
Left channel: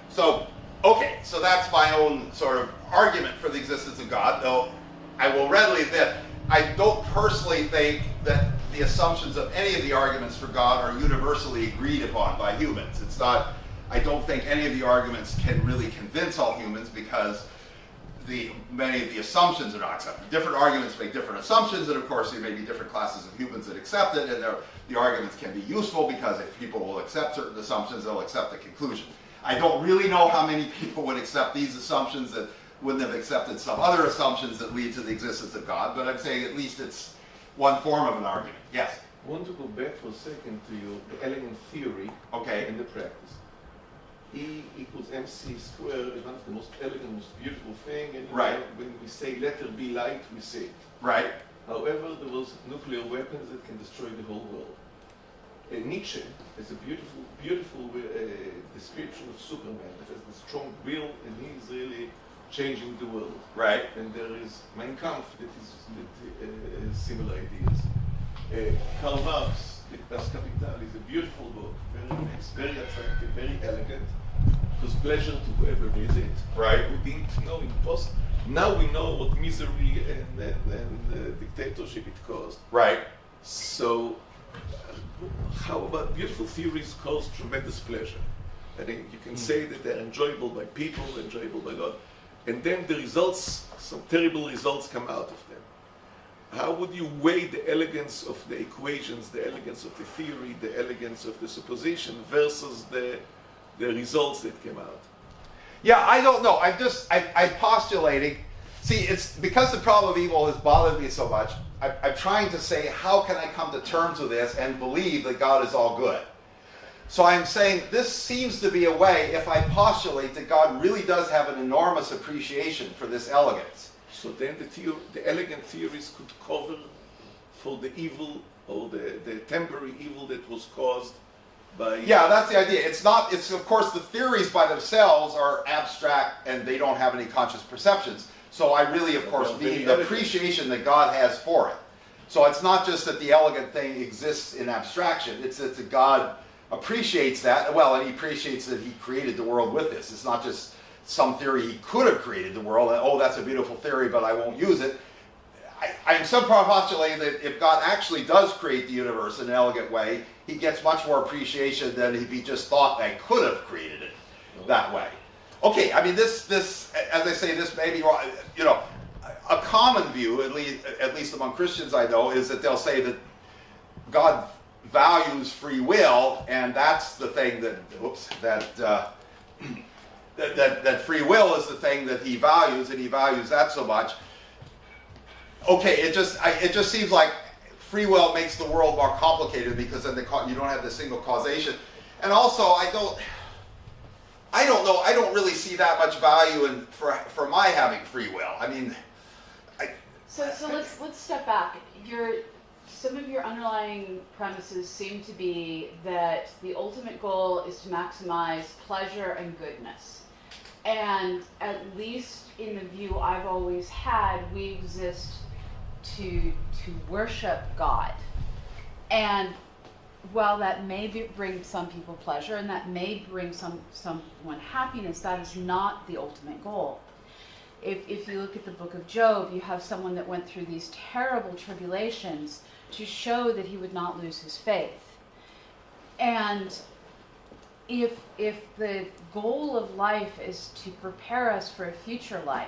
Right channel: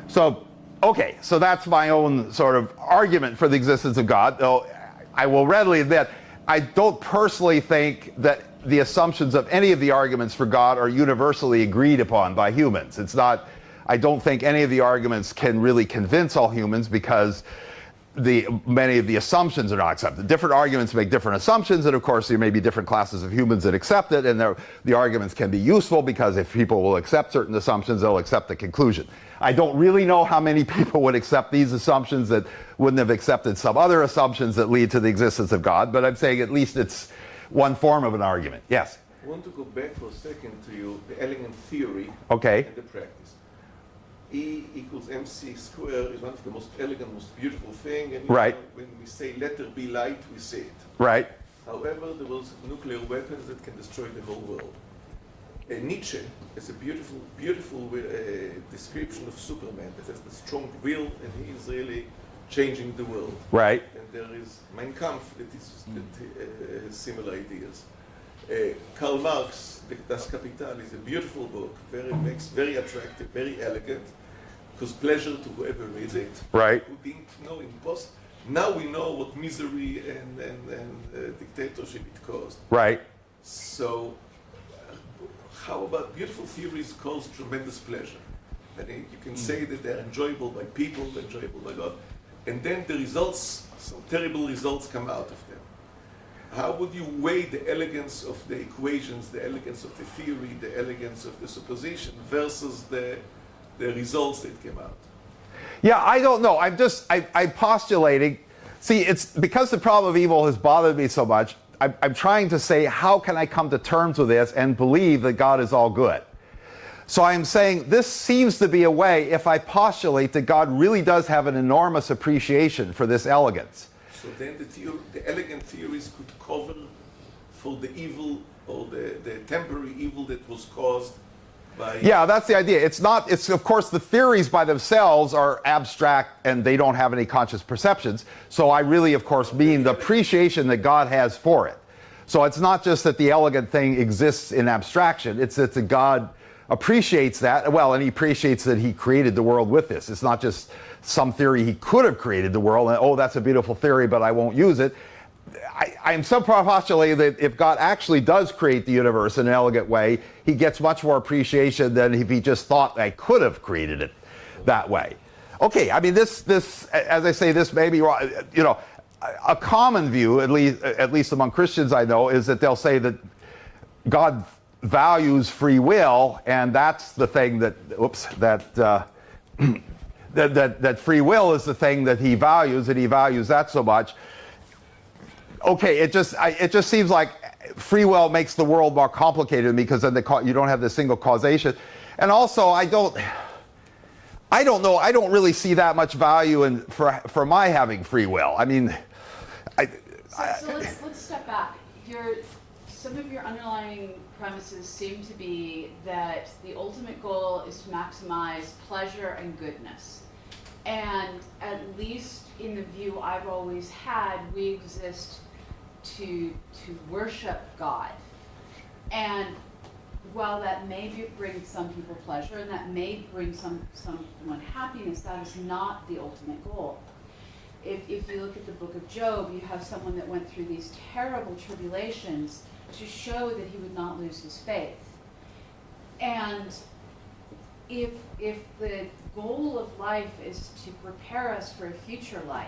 So, okay, so that's my own sort of argument for the existence of God, though I will readily admit, I don't personally think that the assumptions of any of the arguments for God are universally agreed upon by humans. It's not, I don't think any of the arguments can really convince all humans, because many of the assumptions are not accepted. Different arguments make different assumptions, and of course there may be different classes of humans that accept it, and the arguments can be useful, because if people will accept certain assumptions, they'll accept the conclusion. I don't really know how many people would accept these assumptions that wouldn't have accepted some other assumptions that lead to the existence of God, but I'm saying at least it's one form of an argument. Yes? I want to go back for a second to the elegant theory Okay. and the practice. E equals mc squared is one of the most elegant, most beautiful thing. And right. When we say let there be light, we say it. Right. However, there was nuclear weapons that can destroy the whole world. Nietzsche is a beautiful, beautiful description of Superman that has the strong will, and he is really changing the world. Right. And there is Mein Kampf that is similar ideas. Karl Marx, Das Kapital, is a beautiful book, very attractive, very elegant. It was pleasure to whoever reads it. Right. We didn't know in the past. Now we know what misery and dictatorship it caused. Right. So, how about beautiful theories cause tremendous pleasure? And you can say that they're enjoyable by people, enjoyable by God, and then the results, some terrible results come out of them. how would you weigh the elegance of the equations, the elegance of the theory, the elegance of the supposition versus the results that came out? Yeah, I don't know. I'm postulating. See, it's because the problem of evil has bothered me so much. I'm trying to say, how can I come to terms with this and believe that God is all good? So I'm saying this seems to be a way, if I postulate that God really does have an enormous appreciation for this elegance. So then the elegant theories could cover for the evil or the temporary evil that was caused by... Yeah, that's the idea. It's of course the theories by themselves are abstract and they don't have any conscious perceptions. So I really, of course, mean the appreciation that God has for it. So it's not just that the elegant thing exists in abstraction, it's that the God appreciates that, well, and he appreciates that he created the world with this. It's not just some theory he could have created the world, and oh, that's a beautiful theory, but I won't use it. I'm so postulating that if God actually does create the universe in an elegant way, he gets much more appreciation than if he just thought I could have created it that way. Okay, I mean, this, as I say, this may be wrong. You know, a common view, at least among Christians I know, is that they'll say that God values free will, and that's the thing that, that free will is the thing that he values, and he values that so much. Okay, it just seems like free will makes the world more complicated because then you don't have the single causation, and also I don't know. I don't really see that much value for my having free will. I mean, So let's step back. Some of your underlying premises seem to be that the ultimate goal is to maximize pleasure and goodness. And at least in the view I've always had, we exist to worship God. And while that may bring some people pleasure and that may bring someone happiness, that is not the ultimate goal. If you look at the book of Job, you have someone that went through these terrible tribulations to show that he would not lose his faith. And if the goal of life is to prepare us for a future life,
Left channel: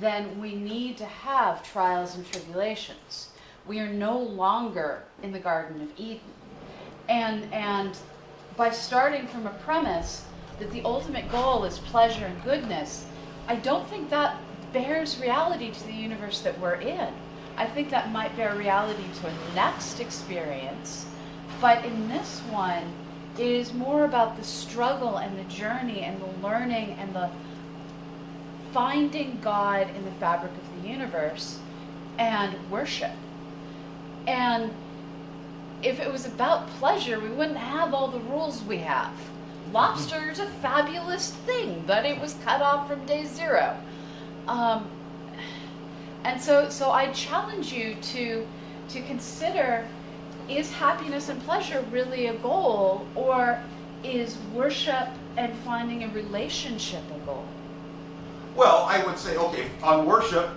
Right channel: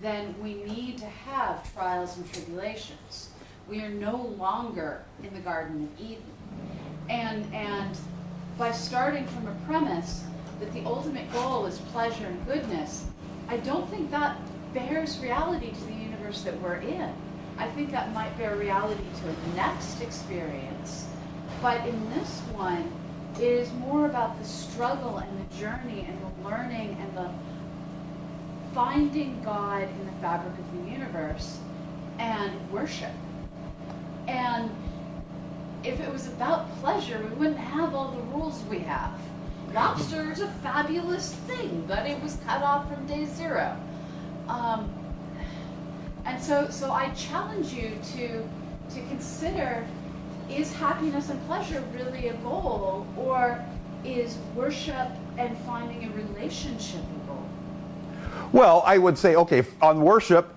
then we need to have trials and tribulations. We are no longer in the Garden of Eden. And by starting from a premise that the ultimate goal is pleasure and goodness, I don't think that bears reality to the universe that we're in. I think that might bear reality to a next experience, but in this one, it is more about the struggle and the journey and the learning and the finding God in the fabric of the universe and worship. And if it was about pleasure, we wouldn't have all the rules we have. Lobster is a fabulous thing, but it was cut off from day zero. And so I challenge you to consider, is happiness and pleasure really a goal, or is worship and finding a relationship a goal? well, I would say, okay, on worship,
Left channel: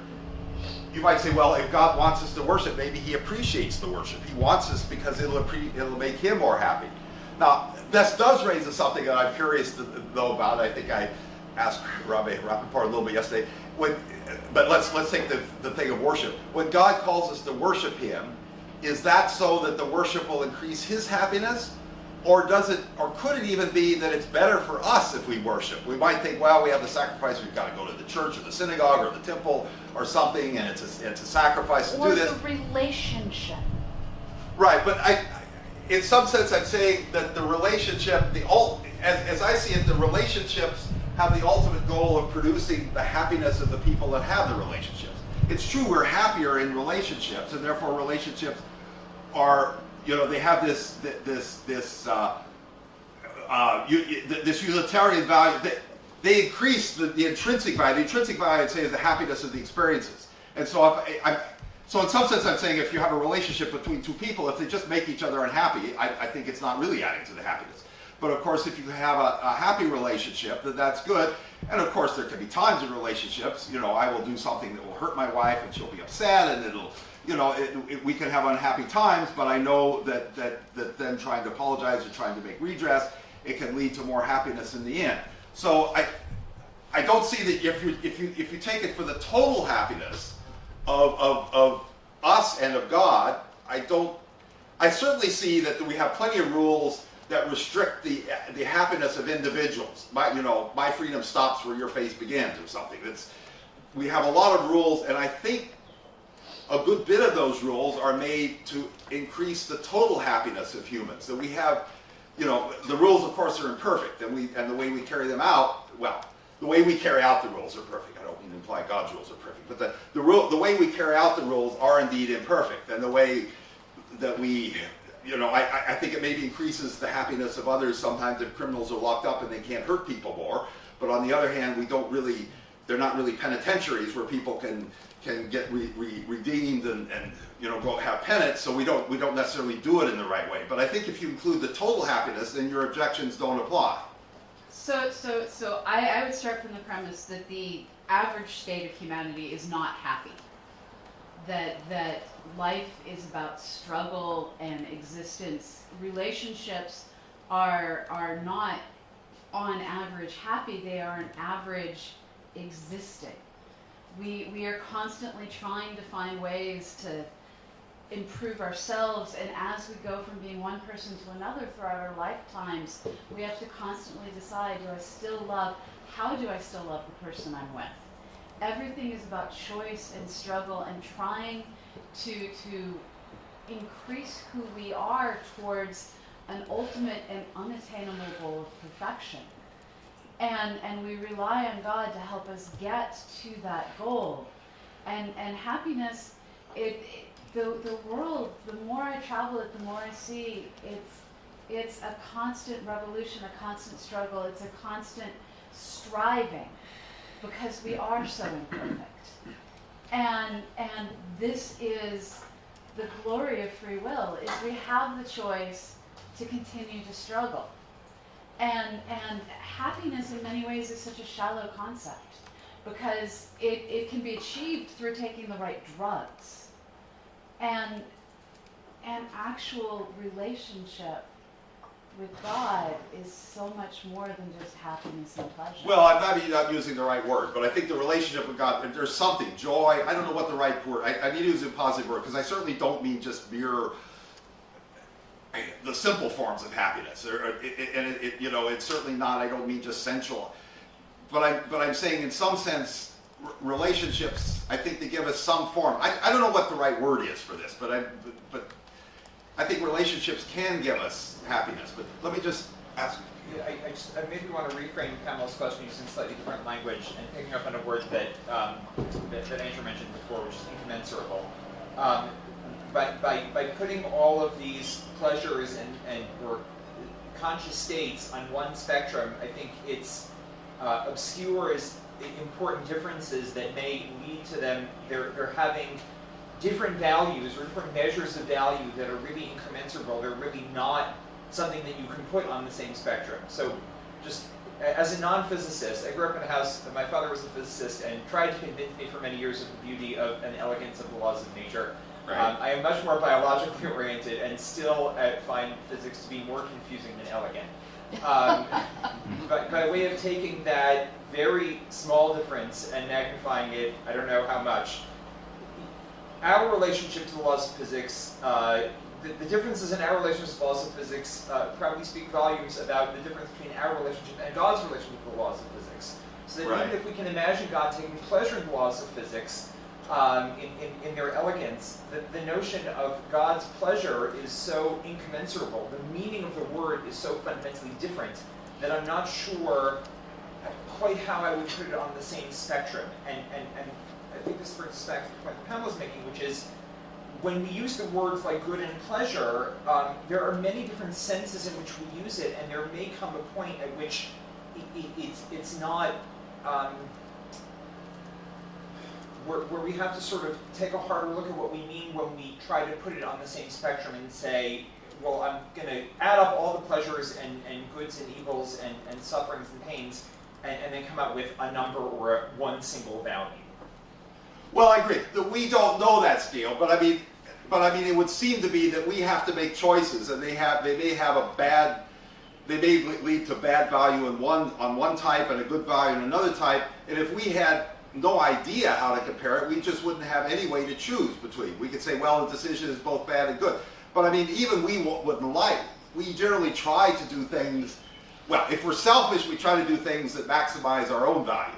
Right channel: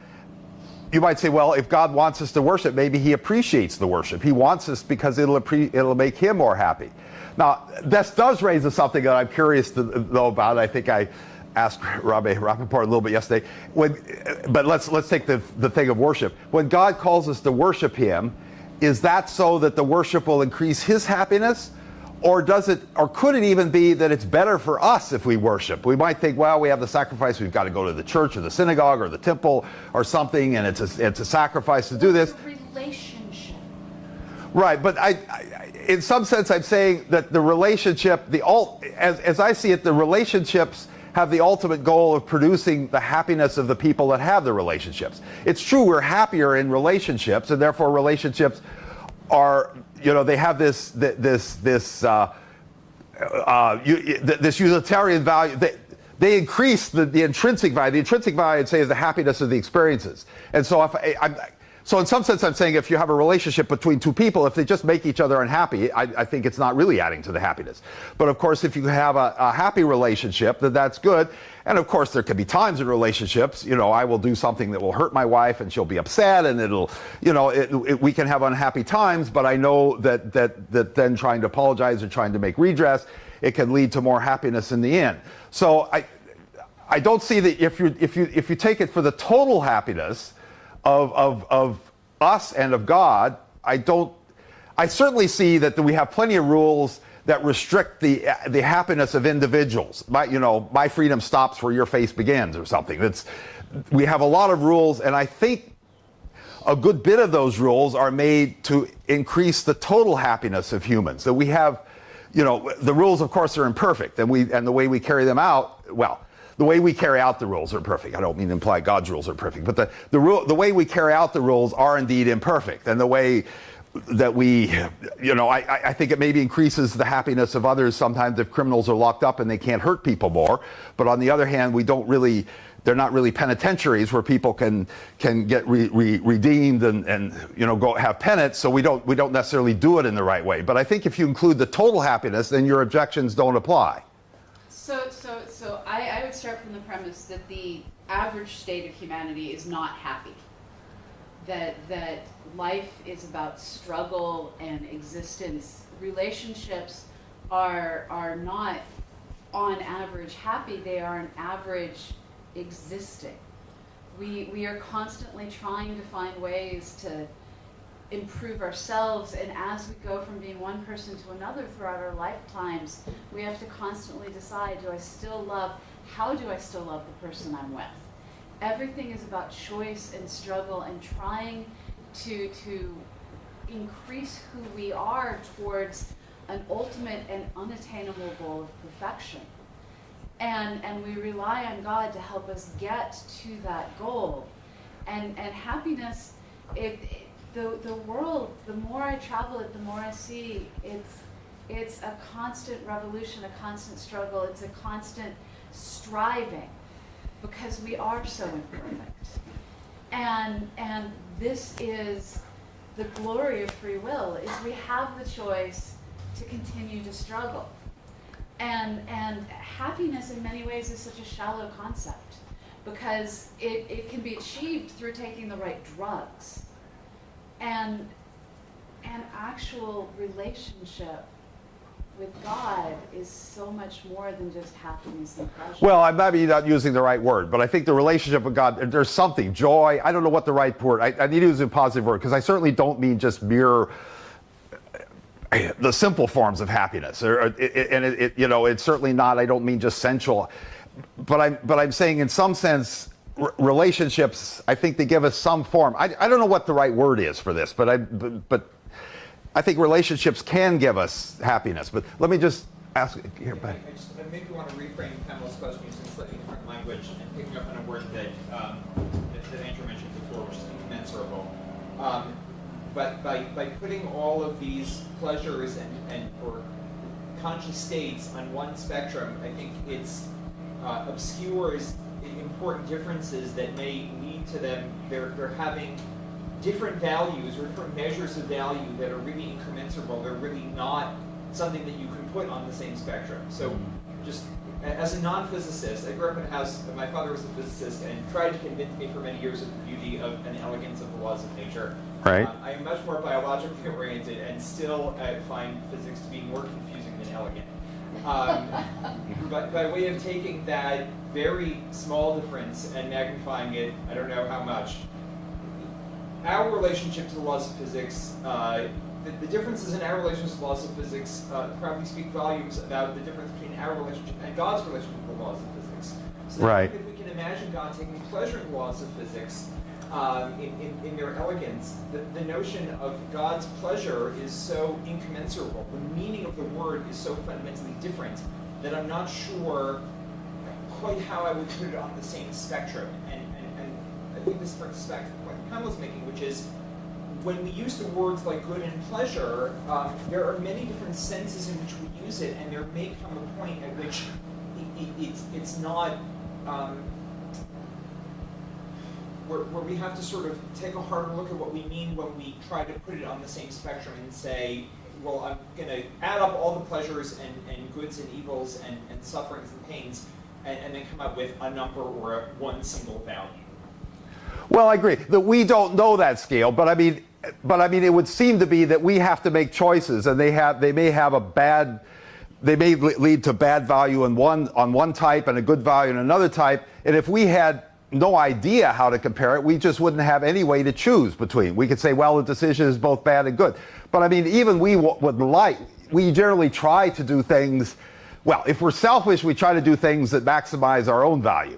you might say, well, if God wants us to worship, maybe he appreciates the worship. He wants us because it'll make him more happy. Now, this does raise something that I'm curious to know about. I think I asked Rabbi Rappaport a little bit yesterday. But let's take the thing of worship. When God calls us to worship him, is that so that the worship will increase his happiness? Or could it even be that it's better for us if we worship? We might think, well, we have the sacrifice, we've got to go to the church or the synagogue or the temple or something, and it's a sacrifice to do this. Or the relationship. Right, but in some sense, I'm saying that the relationship, as I see it, the relationships have the ultimate goal of producing the happiness of the people that have the relationships. It's true we're happier in relationships, and therefore relationships are, they have this utilitarian value. They increase the intrinsic value. The intrinsic value, I'd say, is the happiness of the experiences. And so So in some sense, I'm saying if you have a relationship between two people, if they just make each other unhappy, I think it's not really adding to the happiness. But of course, if you have a happy relationship, then that's good. And of course, there can be times in relationships, I will do something that will hurt my wife and she'll be upset, and we can have unhappy times, but I know that then trying to apologize or trying to make redress, it can lead to more happiness in the end. So I don't see that if you take it for the total happiness of us and of God, I certainly see that we have plenty of rules that restrict the happiness of individuals. My freedom stops where your face begins, or something. We have a lot of rules, and I think a good bit of those rules are made to increase the total happiness of humans. That we have, the rules, of course, are imperfect, and the way we carry them out, well, the way we carry out the rules are perfect. I don't mean to imply God's rules are perfect, but the way we carry out the rules are indeed imperfect, and the way that I think it maybe increases the happiness of others sometimes if criminals are locked up and they can't hurt people more. But on the other hand, they're not really penitentiaries where people can get redeemed and go have penance. So we don't necessarily do it in the right way. But I think if you include the total happiness, then your objections don't apply. So I would start from the premise that the average state of humanity is not happy. That life is about struggle and existence. Relationships are not on average happy, they are on average existing. We are constantly trying to find ways to improve ourselves, and as we go from being one person to another throughout our lifetimes, we have to constantly decide, how do I still love the person I'm with? Everything is about choice and struggle and trying to increase who we are towards an ultimate and unattainable goal of perfection. And we rely on God to help us get to that goal. And happiness, the world, the more I travel it, the more I see it's a constant revolution, a constant struggle, it's a constant striving, because we are so imperfect. And this is the glory of free will, is we have the choice to continue to struggle. And happiness in many ways is such a shallow concept, because it can be achieved through taking the right drugs. And an actual relationship with God is so much more than just happiness and pleasure. Well, maybe not using the right word, but I think the relationship with God, there's something, joy, I don't know what the right word, I need to use a positive word, because I certainly don't mean just mere, the simple forms of happiness. It's certainly not, I don't mean just sensual, but I'm saying in some sense, relationships, I think they give us some form. I don't know what the right word is for this, but I think relationships can give us happiness. But let me just ask. I maybe want to reframe Pamela's question using slightly different language and picking up on a word that Andrew mentioned before, which is incommensurable. But by putting all of these pleasures and or conscious states on one spectrum, I think it's obscures important differences that may lead to them. They're having different values or different measures of value that are really incommensurable. They're really not something that you can put on the same spectrum. So just as a non-physicist, I grew up in a house, my father was a physicist and tried to convince me for many years of the beauty of and elegance of the laws of nature. Right. I am much more biologically oriented and still find physics to be more confusing than elegant. But by way of taking that very small difference and magnifying it, I don't know how much, our relationship to the laws of physics, the differences in our relationship to the laws of physics probably speak volumes about the difference between our relationship and God's relationship to the laws of physics. So right. if we can imagine God taking pleasure in the laws of physics, in their elegance, the notion of God's pleasure is so incommensurable. The meaning of the word is so fundamentally different that I'm not sure quite how I would put it on the same spectrum. And I think this brings us back to the point that Pamela's making, which is when we use the words like good and pleasure, there are many different senses in which we use it, and there may come a point at which it's not where we have to sort of take a harder look at what we mean when we try to put it on the same spectrum and say, well, I'm going to add up all the pleasures and goods and evils and sufferings and pains, and then come out with a number or one single value. Well, I agree that we don't know that scale, but I mean, it would seem to be that we have to make choices, and they may lead to bad value on one type and a good value in another type. And if we had no idea how to compare it, we just wouldn't have any way to choose between. We could say, well, the decision is both bad and good. But I mean, even we generally try to do things, well, if we're selfish, we try to do things that maximize our own value.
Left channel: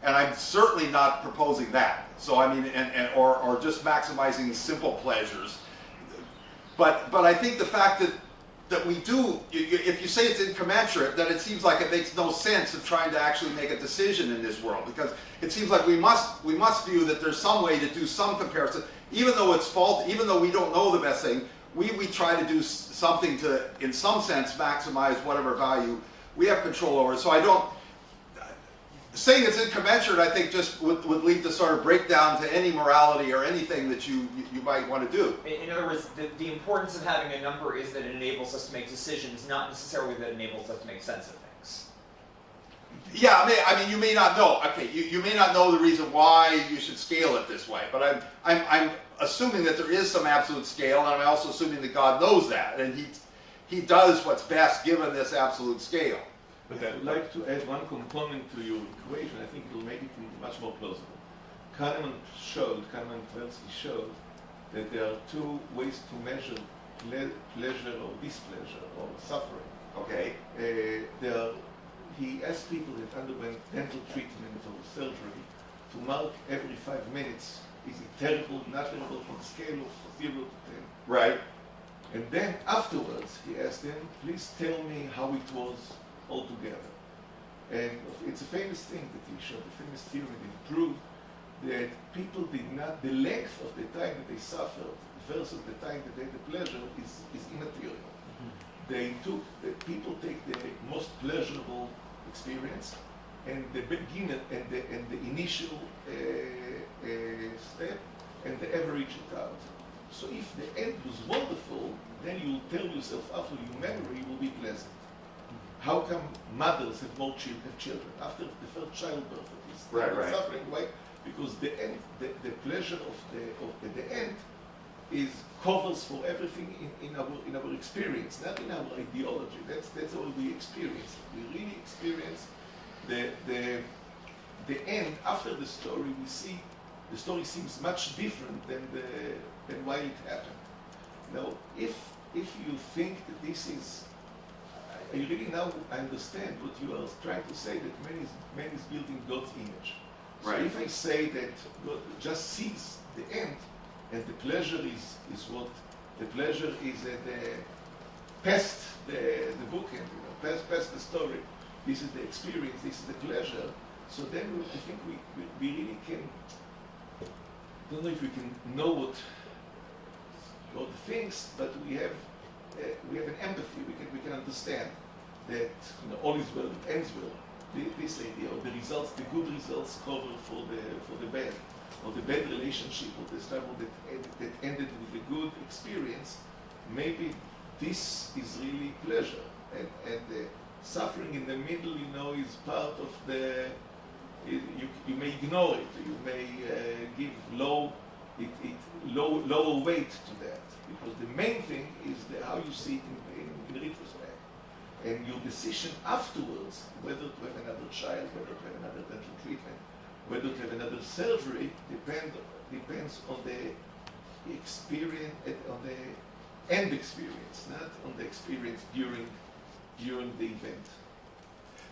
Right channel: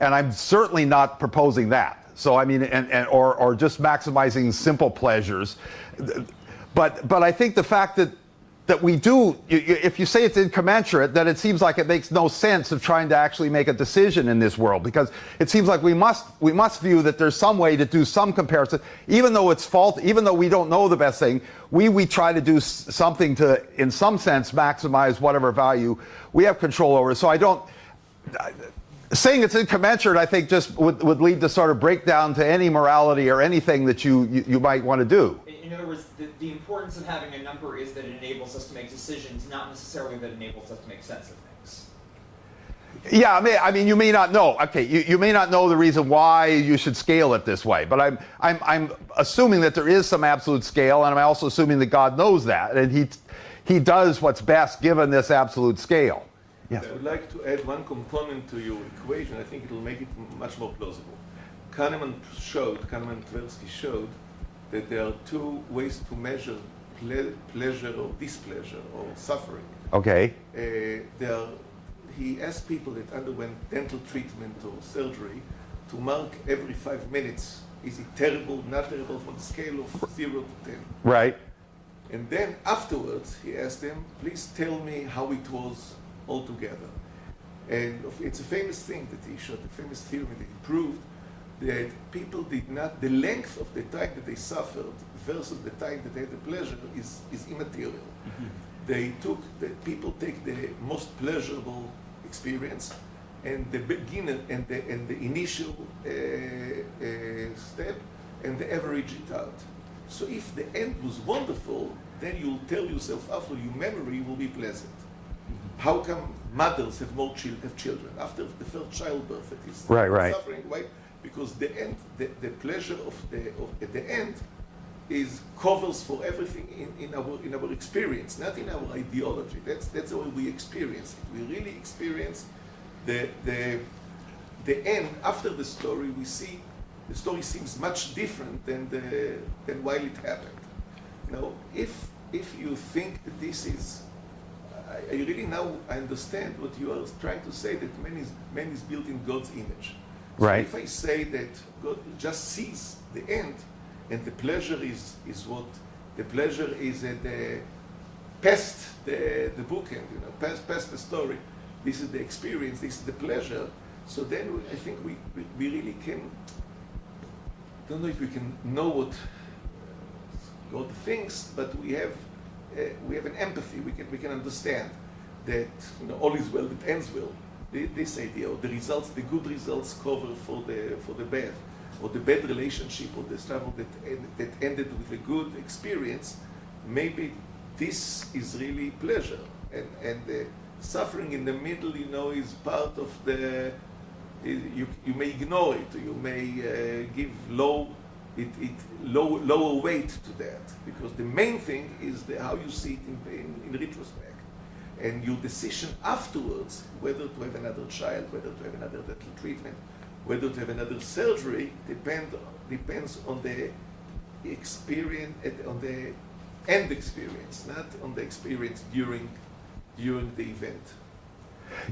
And I'm certainly not proposing that. So I mean, or just maximizing simple pleasures. But I think the fact that we do, if you say it's incommensurate, then it seems like it makes no sense of trying to actually make a decision in this world, because it seems like we must view that there's some way to do some comparison, even though it's fault, even though we don't know the best thing, we try to do something to, in some sense, maximize whatever value we have control over. So I don't, saying it's incommensurate, I think, just would lead to sort of breakdown to any morality or anything that you might want to do. In other words, the importance of having a number is that it enables us to make decisions, not necessarily that it enables us to make sense of things. Yeah, I mean, you may not know. Okay, you may not know the reason why you should scale it this way, but I'm assuming that there is some absolute scale, and I'm also assuming that God knows that, and He does what's best given this absolute scale. Yeah. I would like to add one component to your equation. I think it will make it much more plausible. Kahneman and Tversky showed that there are two ways to measure pleasure or displeasure or suffering. Okay. He asked people that underwent dental treatment or surgery to mark every 5 minutes, is it terrible, not terrible, from a scale of 0 to 10. Right. And then afterwards, he asked them, please tell me how it was altogether. And it's a famous thing that he showed, a famous theory that he proved that people did not, the length of the time that they suffered versus the time that they had the pleasure is immaterial. People take the most pleasurable experience and the beginner and the initial step, and they average it out. So if the end was wonderful, then you'll tell yourself after your memory will be pleasant. How come mothers have more children after the first childbirth? It is right. Suffering, right? Because the end, the pleasure of the end covers for everything in our experience, not in our ideology. That's how we experience it. We really experience the end after the story. We see the story seems much different than while it happened. Now, if you think that this is, I really now understand what you are trying to say, that man is built in God's image. Right. So if I say that God just sees the end, and the pleasure is what the pleasure is past the bookend, past the story. This is the experience. This is the pleasure. So then I think we really can. Don't know if we can know what God thinks, but we have an empathy. We can understand that all is well that ends well. This idea, or the results, the good results cover for the bad, or the bad relationship, or the struggle that ended with a good experience. Maybe this is really pleasure, and the suffering in the middle, is part of the. You may ignore it, or you may give lower weight to that, because the main thing is how you see it in retrospect. And your decision afterwards, whether to have another child, whether to have another dental treatment, whether to have another surgery, depends on the experience, on the end experience, not on the experience during the event.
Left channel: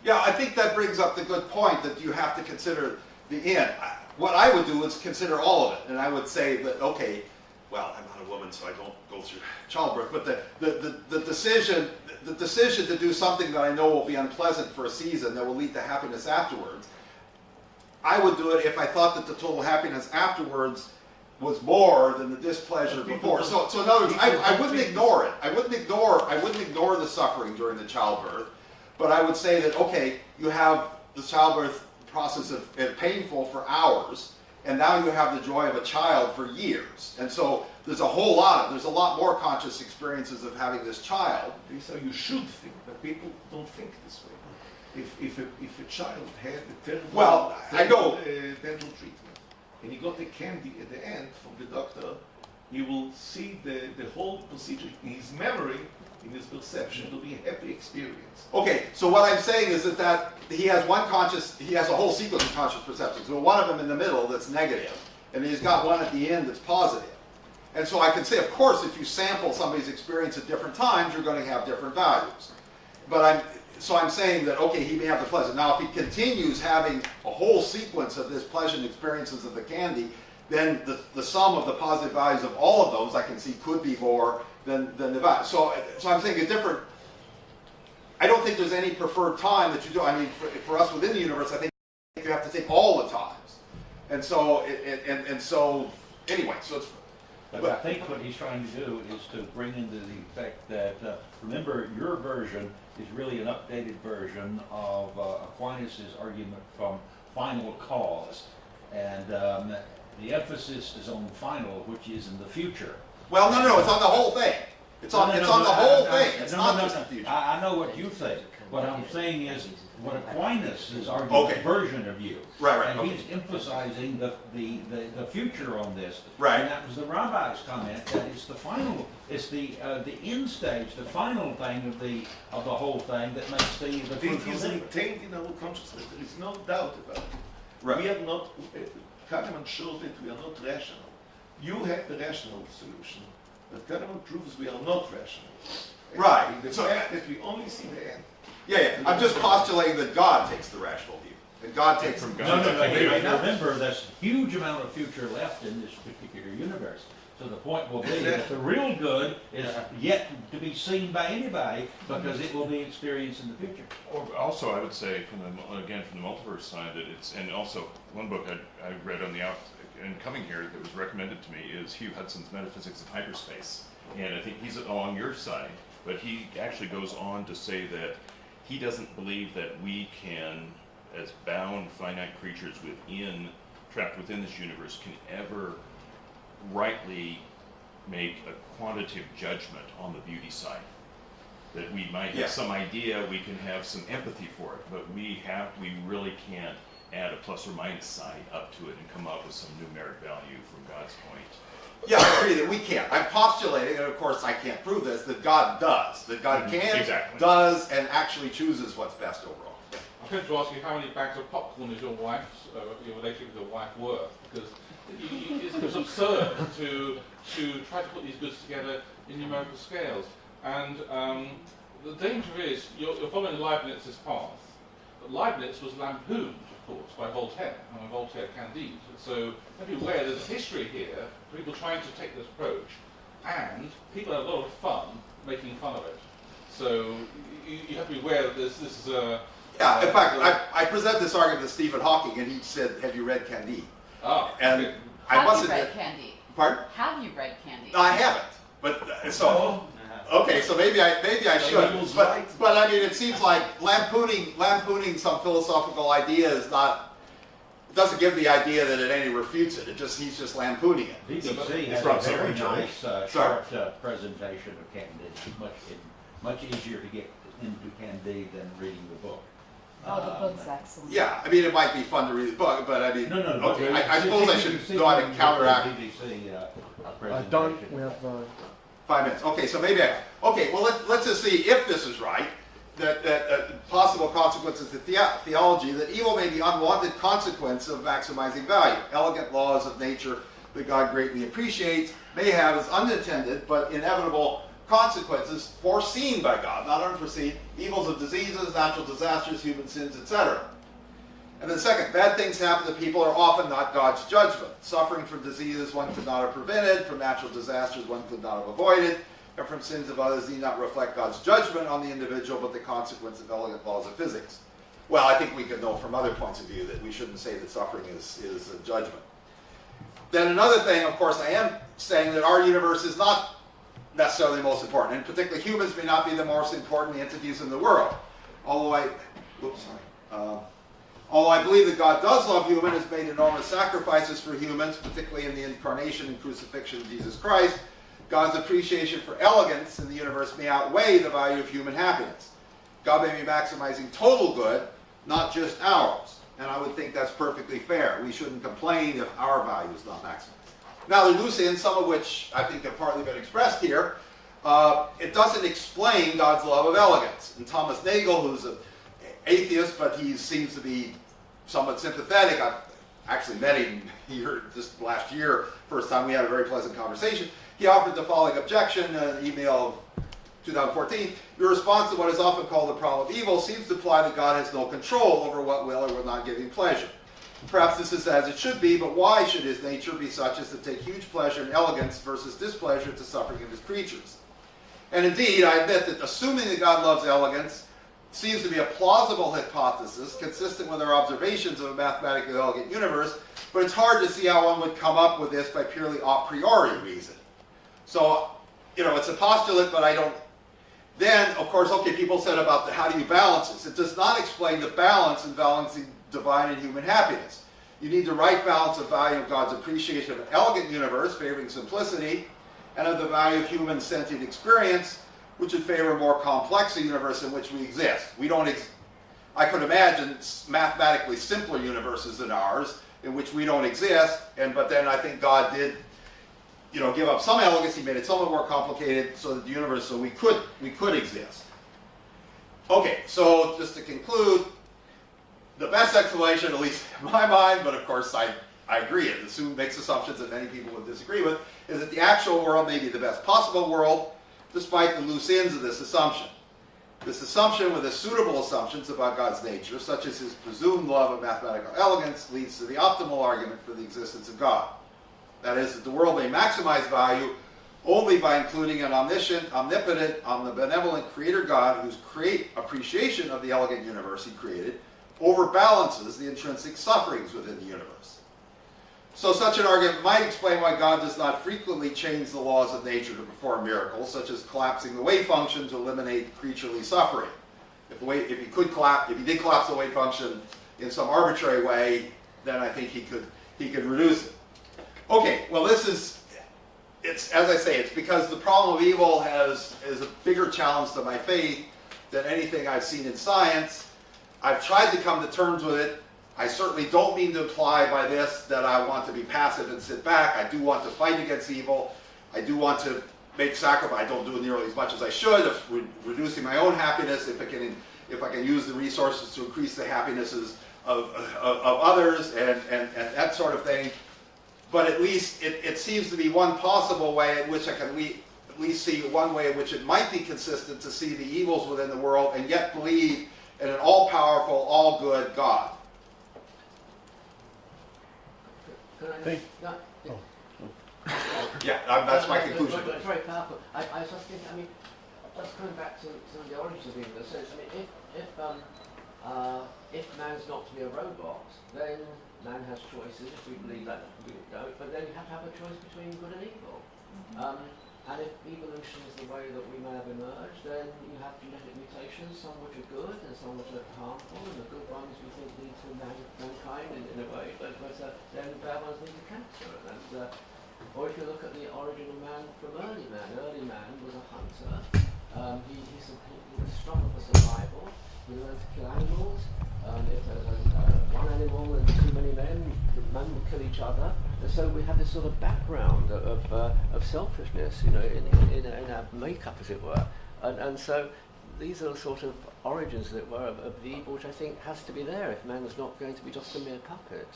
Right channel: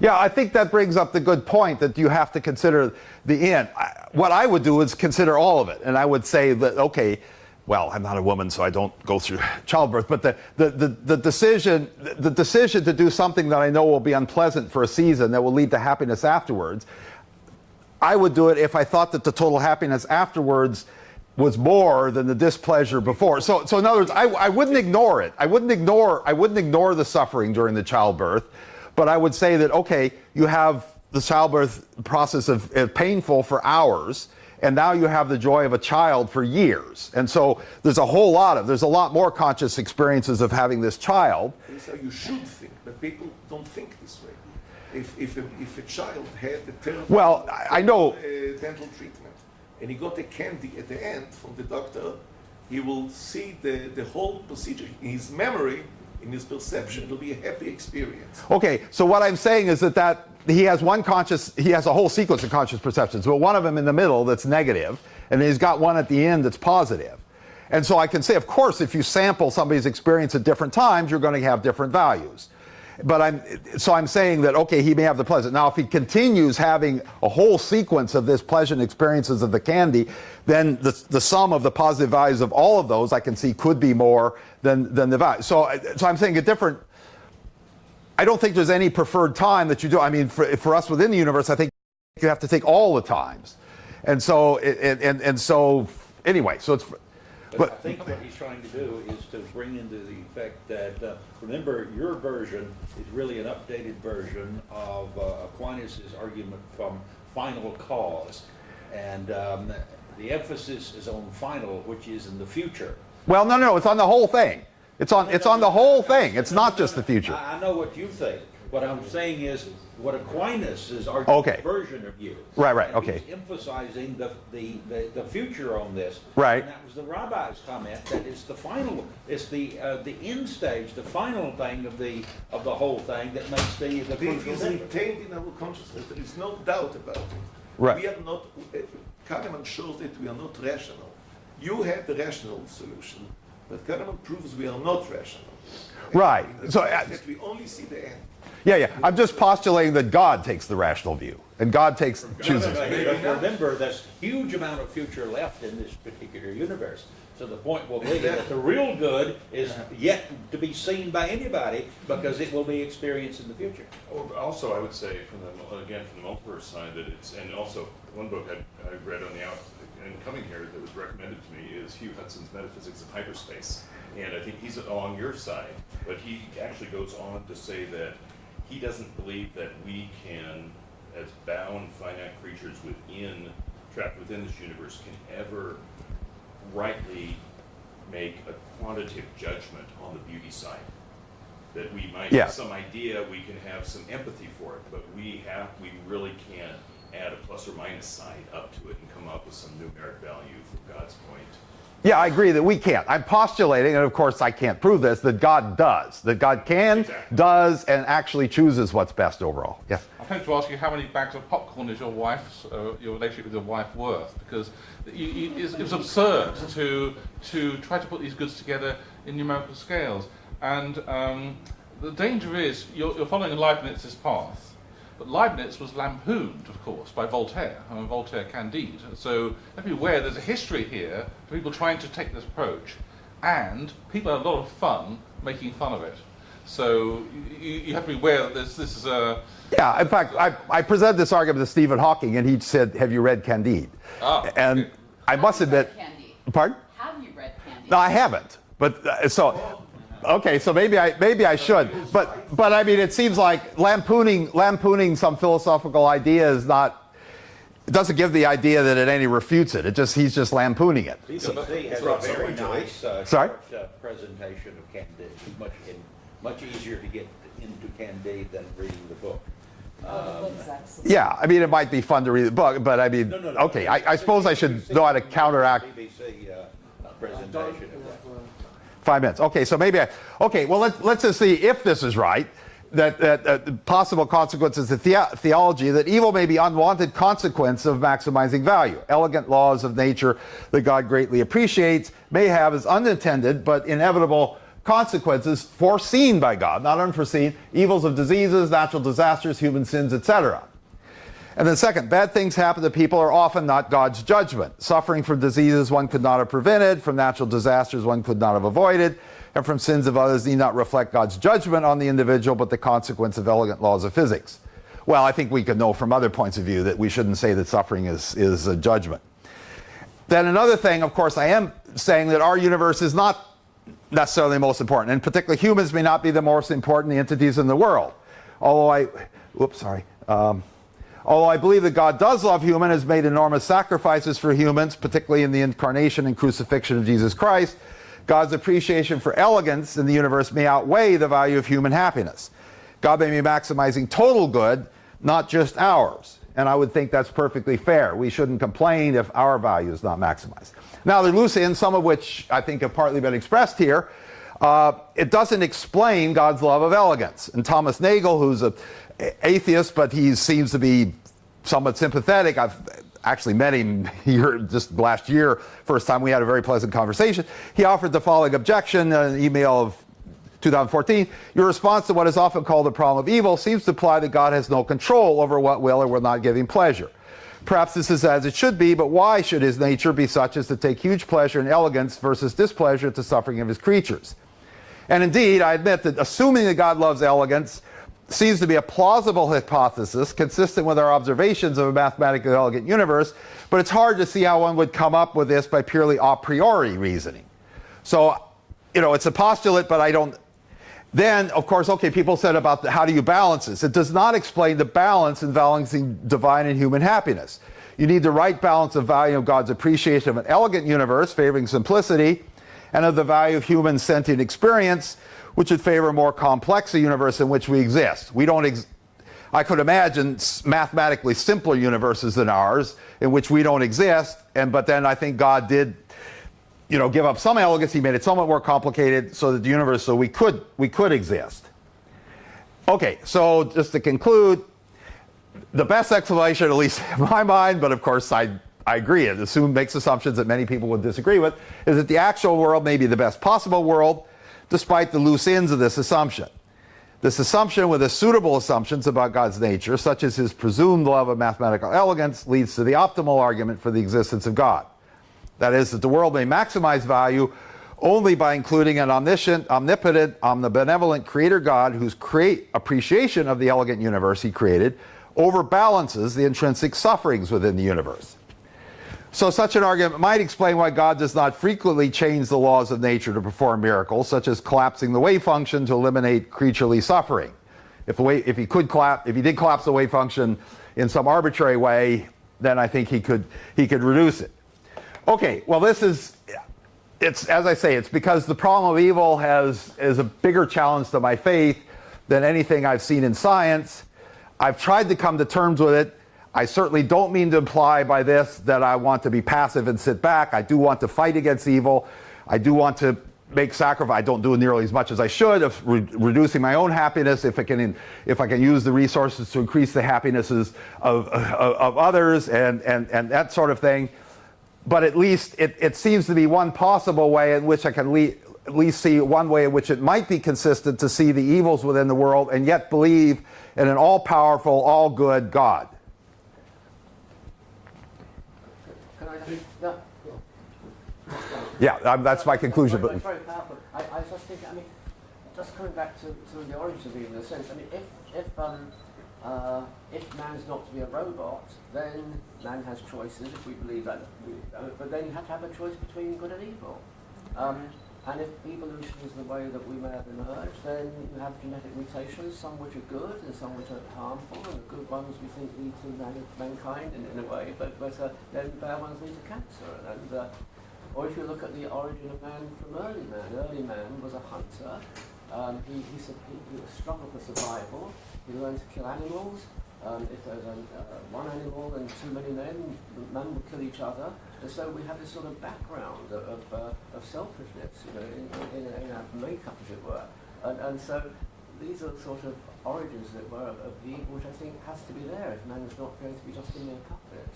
Yeah, I think that brings up the good point that you have to consider the end. What I would do is consider all of it, and I would say that, okay, well, I'm not a woman, so I don't go through childbirth, but the decision to do something that I know will be unpleasant for a season that will lead to happiness afterwards, I would do it if I thought that the total happiness afterwards was more than the displeasure before. So in other words, I wouldn't ignore it. I wouldn't ignore the suffering during the childbirth, but I would say that, okay, you have the childbirth process of painful for hours, and now you have the joy of a child for years. And so there's a lot more conscious experiences of having this child. So you should think, but people don't think this way. If a child had a terrible I know dental treatment, and he got a candy at the end from the doctor, he will see the whole procedure. In his memory, in his perception, it'll be a happy experience. Okay, so what I'm saying is that he has a whole sequence of conscious perceptions. Well, one of them in the middle that's negative, and then he's got one at the end that's positive. And so I can say, of course, if you sample somebody's experience at different times, you're going to have different values. But I'm saying that, okay, he may have the pleasant. Now, if he continues having a whole sequence of this pleasant experiences of the candy, then the sum of the positive values of all of those I can see could be more than the value. So I'm saying I don't think there's any preferred time that you do. I mean, for us within the universe, I think you have to take all the times. And so, anyway, so it's... But I think what he's trying to do is to bring into the effect that, remember, your version is really an updated version of Aquinas' argument from final cause. And the emphasis is on final, which is in the future. Well, no, it's on the whole thing. It's on the whole thing. It's not just the future. I know what you think. What I'm saying is what Aquinas is arguing version of you. Right, and okay. He's emphasizing the future on this. Right. And that was the rabbi's comment that it's the final, it's the end stage, the final thing of the whole thing that makes the It fruitful is labor. retained in our consciousness. There is no doubt about it. Right. We are not. Kahneman shows that we are not rational. You have the rational solution, but Kahneman proves we are not rational. Right. The So fact that we only see the end. yeah. I'm just postulating that God takes the rational view, and God chooses. Remember, there's a huge amount of future left in this particular universe. So the point will be that the real good is yet to be seen by anybody because it will be experienced in the future. Or also, I would say, from the multiverse side, that it's, and also one book I read on the out and coming here that was recommended to me is Hugh Hudson's Metaphysics of Hyperspace, and I think he's along your side, but he actually goes on to say that he doesn't believe that we can, as bound finite creatures trapped within this universe, can ever rightly make a quantitative judgment on the beauty side. That we might have some idea, we can have some empathy for it, but we really can't add a plus or minus side up to it and come up with some numeric value from God's point. Yeah, I agree that we can't. I'm postulating, and of course I can't prove this, that God does. That God can, does, and actually chooses what's best overall. Yeah. I had to ask you how many bags of popcorn is your relationship with your wife worth? Because it's absurd to try to put these goods together in numerical scales. And the danger is you're following Leibniz's path. But Leibniz was lampooned, of course, by Voltaire, and Voltaire Candide. So everywhere there's a history here of people trying to take this approach, and people have a lot of fun making fun of it. So you have to be aware that this Yeah, in fact, I presented this argument to Stephen Hawking, and he said, "Have you read Candide?" And okay. I must admit, Candide? pardon? Have you read Candide? No, I haven't. But okay, so maybe I should. But I mean, it seems like lampooning some philosophical idea is not. It doesn't give the idea that it any refutes it. He's just lampooning it. BBC has a very nice Sorry? short presentation of Candide. Much easier to get into Candide than reading the book. The book's excellent. Yeah, I mean, it might be fun to read the book, but I mean, okay, I suppose I should know how to counteract. BBC Don't presentation. we have 5 minutes. Okay, so well, let's just see if this is right. That possible consequences of theology, that evil may be unwanted consequence of maximizing value. Elegant laws of nature that God greatly appreciates may have as unintended but inevitable consequences foreseen by God, not unforeseen, evils of diseases, natural disasters, human sins, etc. And then second, bad things happen to people are often not God's judgment. Suffering from diseases one could not have prevented, from natural disasters one could not have avoided, and from sins of others need not reflect God's judgment on the individual, but the consequence of elegant laws of physics. Well, I think we could know from other points of view that we shouldn't say that suffering is a judgment. Then another thing, of course, I am saying that our universe is not necessarily the most important, and particularly humans may not be the most important entities in the world. Although I believe that God does love humans, has made enormous sacrifices for humans, particularly in the incarnation and crucifixion of Jesus Christ, God's appreciation for elegance in the universe may outweigh the value of human happiness. God may be maximizing total good, not just ours. And I would think that's perfectly fair. We shouldn't complain if our value is not maximized. Now, there are loose ends, some of which I think have partly been expressed here. it doesn't explain God's love of elegance. And Thomas Nagel, who's an atheist, but he seems to be somewhat sympathetic. I've actually met him here just last year, first time we had a very pleasant conversation. He offered the following objection in an email of 2014. Your response to what is often called the problem of evil seems to imply that God has no control over what will or will not give him pleasure. Perhaps this is as it should be, but why should his nature be such as to take huge pleasure in elegance versus displeasure to suffering of his creatures? And indeed, I admit that assuming that God loves elegance seems to be a plausible hypothesis consistent with our observations of a mathematically elegant universe, but it's hard to see how one would come up with this by purely a priori reasoning. So, it's a postulate, but I don't. Then, of course, okay, people said about how do you balance this? It does not explain the balance in balancing divine and human happiness. You need the right balance of value of God's appreciation of an elegant universe, favoring simplicity, and of the value of human sentient experience, which would favor a more complex universe in which we exist. I could imagine mathematically simpler universes than ours, in which we don't exist, but then I think God did give up some elegance. He made it somewhat more complicated so that the universe, so we could exist. Okay, so just to conclude, the best explanation, at least in my mind, but of course I agree, it makes assumptions that many people would disagree with, is that the actual world may be the best possible world, despite the loose ends of this assumption. This assumption, with the suitable assumptions about God's nature, such as his presumed love of mathematical elegance, leads to the optimal argument for the existence of God. That is, that the world may maximize value only by including an omniscient, omnipotent, omnibenevolent creator God whose appreciation of the elegant universe he created overbalances the intrinsic sufferings within the universe. So such an argument might explain why God does not frequently change the laws of nature to perform miracles, such as collapsing the wave function to eliminate creaturely suffering. If he did collapse the wave function in some arbitrary way, then I think he could reduce it. Okay, well it's as I say, it's because the problem of evil is a bigger challenge to my faith than anything I've seen in science. I've tried to come to terms with it. I certainly don't mean to imply by this that I want to be passive and sit back. I do want to fight against evil. I do want to make sacrifice. I don't do nearly as much as I should of reducing my own happiness if I can use the resources to increase the happinesses of others and that sort of thing. But at least it seems to be one possible way in which I can at least see one way in which it might be consistent to see the evils within the world and yet believe in an all-powerful, all-good God. Can I just, no, Yeah, that's my conclusion. It's very powerful. I just think, just coming back to the origins of evil, in a sense, if man's not to be a robot, then man has choices. If we believe that, we don't. But then you have to have a choice between good and evil. And if evolution is the way that we may have emerged, then you have genetic mutations, some which are good and some which are harmful, and the good ones we think lead to mankind in a way, but then the bad ones lead to cancer. Or if you look at the origin of man from early man was a hunter. He struggled for survival. He learned to kill animals. If there's one animal and too many men would kill each other. And so we have this sort of background of selfishness, in our makeup, as it were. And so these are the sort of origins, as it were, of the evil, which I think has to be there if man is not going to be just a mere puppet.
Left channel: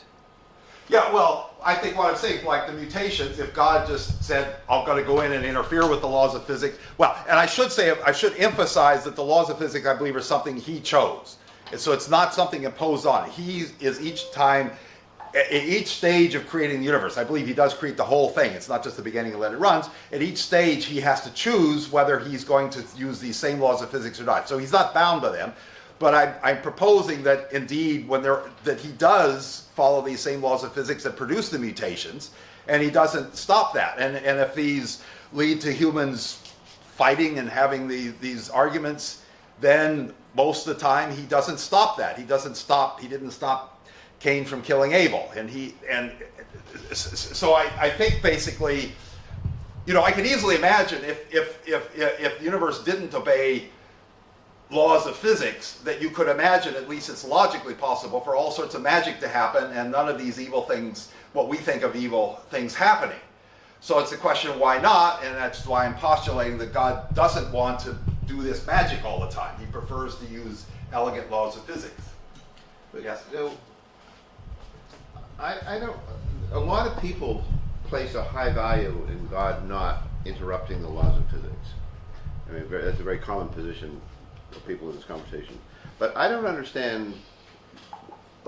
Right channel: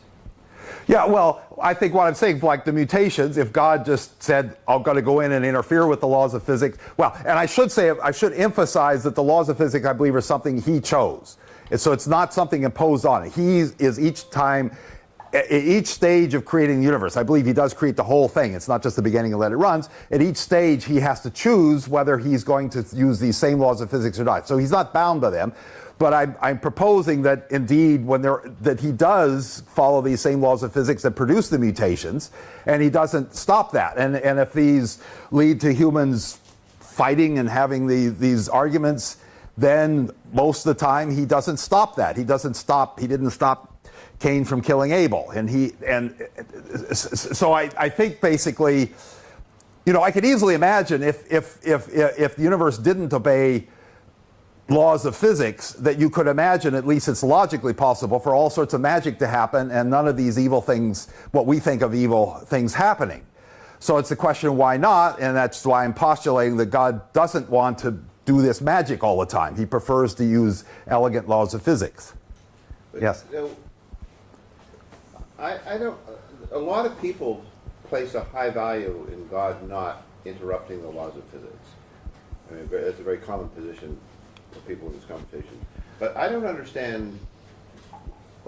Yeah, well, I think what I'm saying, like the mutations, if God just said, I'm going to go in and interfere with the laws of physics, well, and I should emphasize that the laws of physics, I believe, are something he chose. And so it's not something imposed on it. He is each stage of creating the universe, I believe he does create the whole thing. It's not just the beginning and let it run. At each stage, he has to choose whether he's going to use these same laws of physics or not. So he's not bound by them. But I'm proposing that indeed, that he does follow these same laws of physics that produce the mutations, and he doesn't stop that. And if these lead to humans fighting and having these arguments, then most of the time he doesn't stop that. He didn't stop Cain from killing Abel. So I think basically, I can easily imagine if the universe didn't obey laws of physics, that you could imagine, at least it's logically possible, for all sorts of magic to happen and none of these evil things, what we think of evil things, happening. So it's the question, why not? And that's why I'm postulating that God doesn't want to do this magic all the time. He prefers to use elegant laws of physics. Yes? I don't. A lot of people place a high value in God not interrupting the laws of physics. I mean, that's a very common position for people in this conversation. But I don't understand.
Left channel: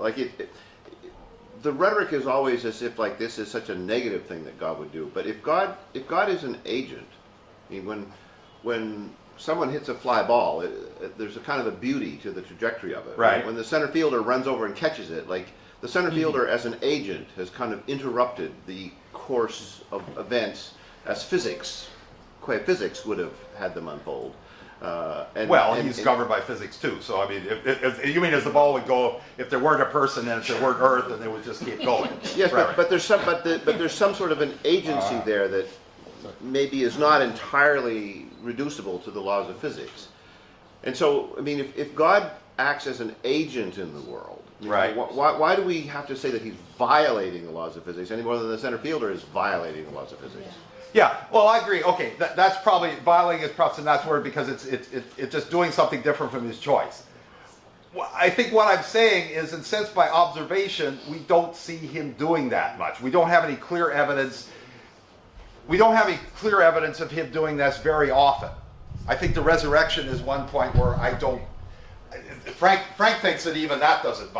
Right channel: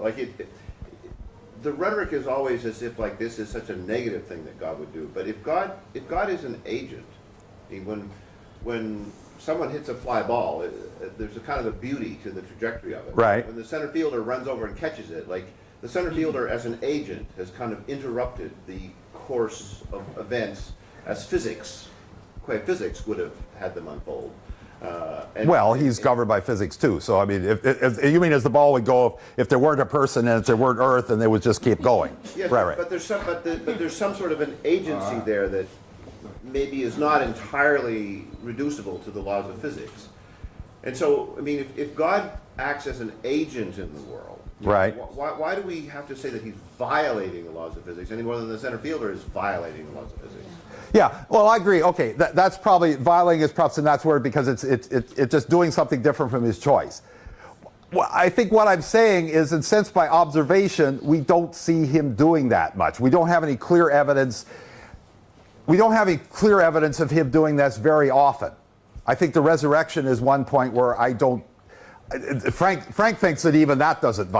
Like the rhetoric is always as if like this is such a negative thing that God would do. But if God is an agent, I mean, when someone hits a fly ball, there's a kind of a beauty to the trajectory of it. Right. When the center fielder runs over and catches it, like the center fielder as an agent has kind of interrupted the course of events as physics would have had them unfold. He's governed by physics too. So I mean, if you mean as the ball would go, if there weren't a person and if there weren't Earth, and they would just keep going. Yes, right. But there's some sort of an agency there that maybe is not entirely reducible to the laws of physics. And so, I mean, if God acts as an agent in the world, right? Why do we have to say that he's violating the laws of physics any more than the center fielder is violating the laws of physics? Yeah, well, I agree. Okay, that's probably, violating is perhaps a nice word because it's just doing something different from his choice. Well, I think what I'm saying is, in sense by observation, we don't see him doing that much. We don't have any clear evidence. We don't have any clear evidence of him doing this very often. I think the resurrection is one point where I don't. Frank thinks that even that doesn't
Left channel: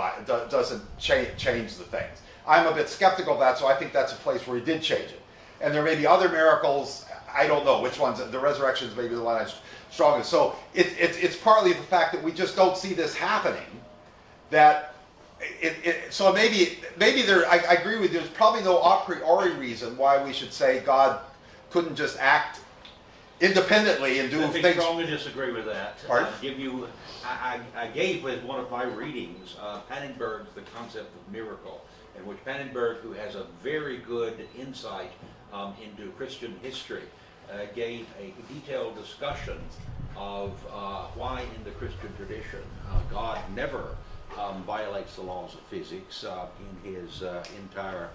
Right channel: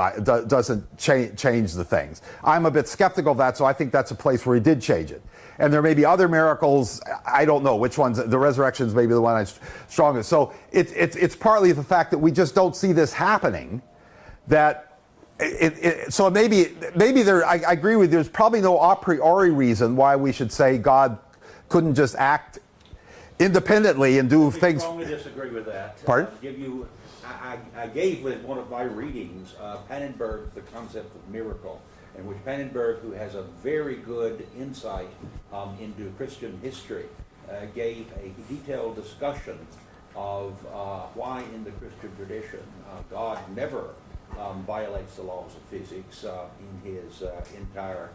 change the things. I'm a bit skeptical of that, so I think that's a place where he did change it. And there may be other miracles. I don't know which ones. The resurrection is maybe the one that's strongest. So it's partly the fact that we just don't see this happening. So maybe there. I agree with you. There's probably no a priori reason why we should say God couldn't just act independently and do things. I strongly disagree with that. Pardon? I gave with one of my readings Pannenberg's The Concept of Miracle, in which Pannenberg, who has a very good insight into Christian history, gave a detailed discussion of why in the Christian tradition God never violates the laws of physics in his entire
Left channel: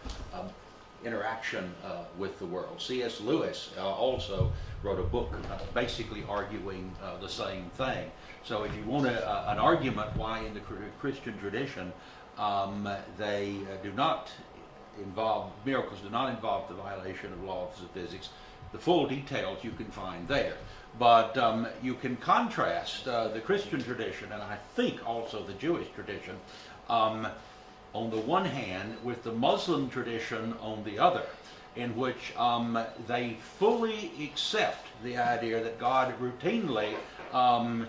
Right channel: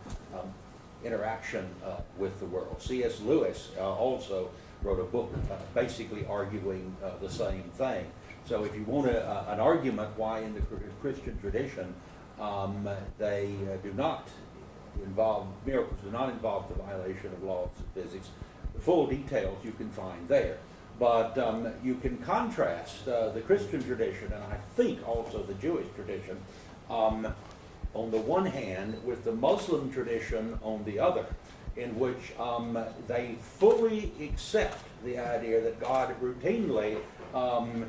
interaction with the world. C.S. Lewis also wrote a book basically arguing the same thing. So if you want an argument why in the Christian tradition they do not involve, miracles do not involve the violation of laws of physics, the full details you can find there. But you can contrast the Christian tradition, and I think also the Jewish tradition, on the one hand with the Muslim tradition on the other, in which they fully accept the idea that God routinely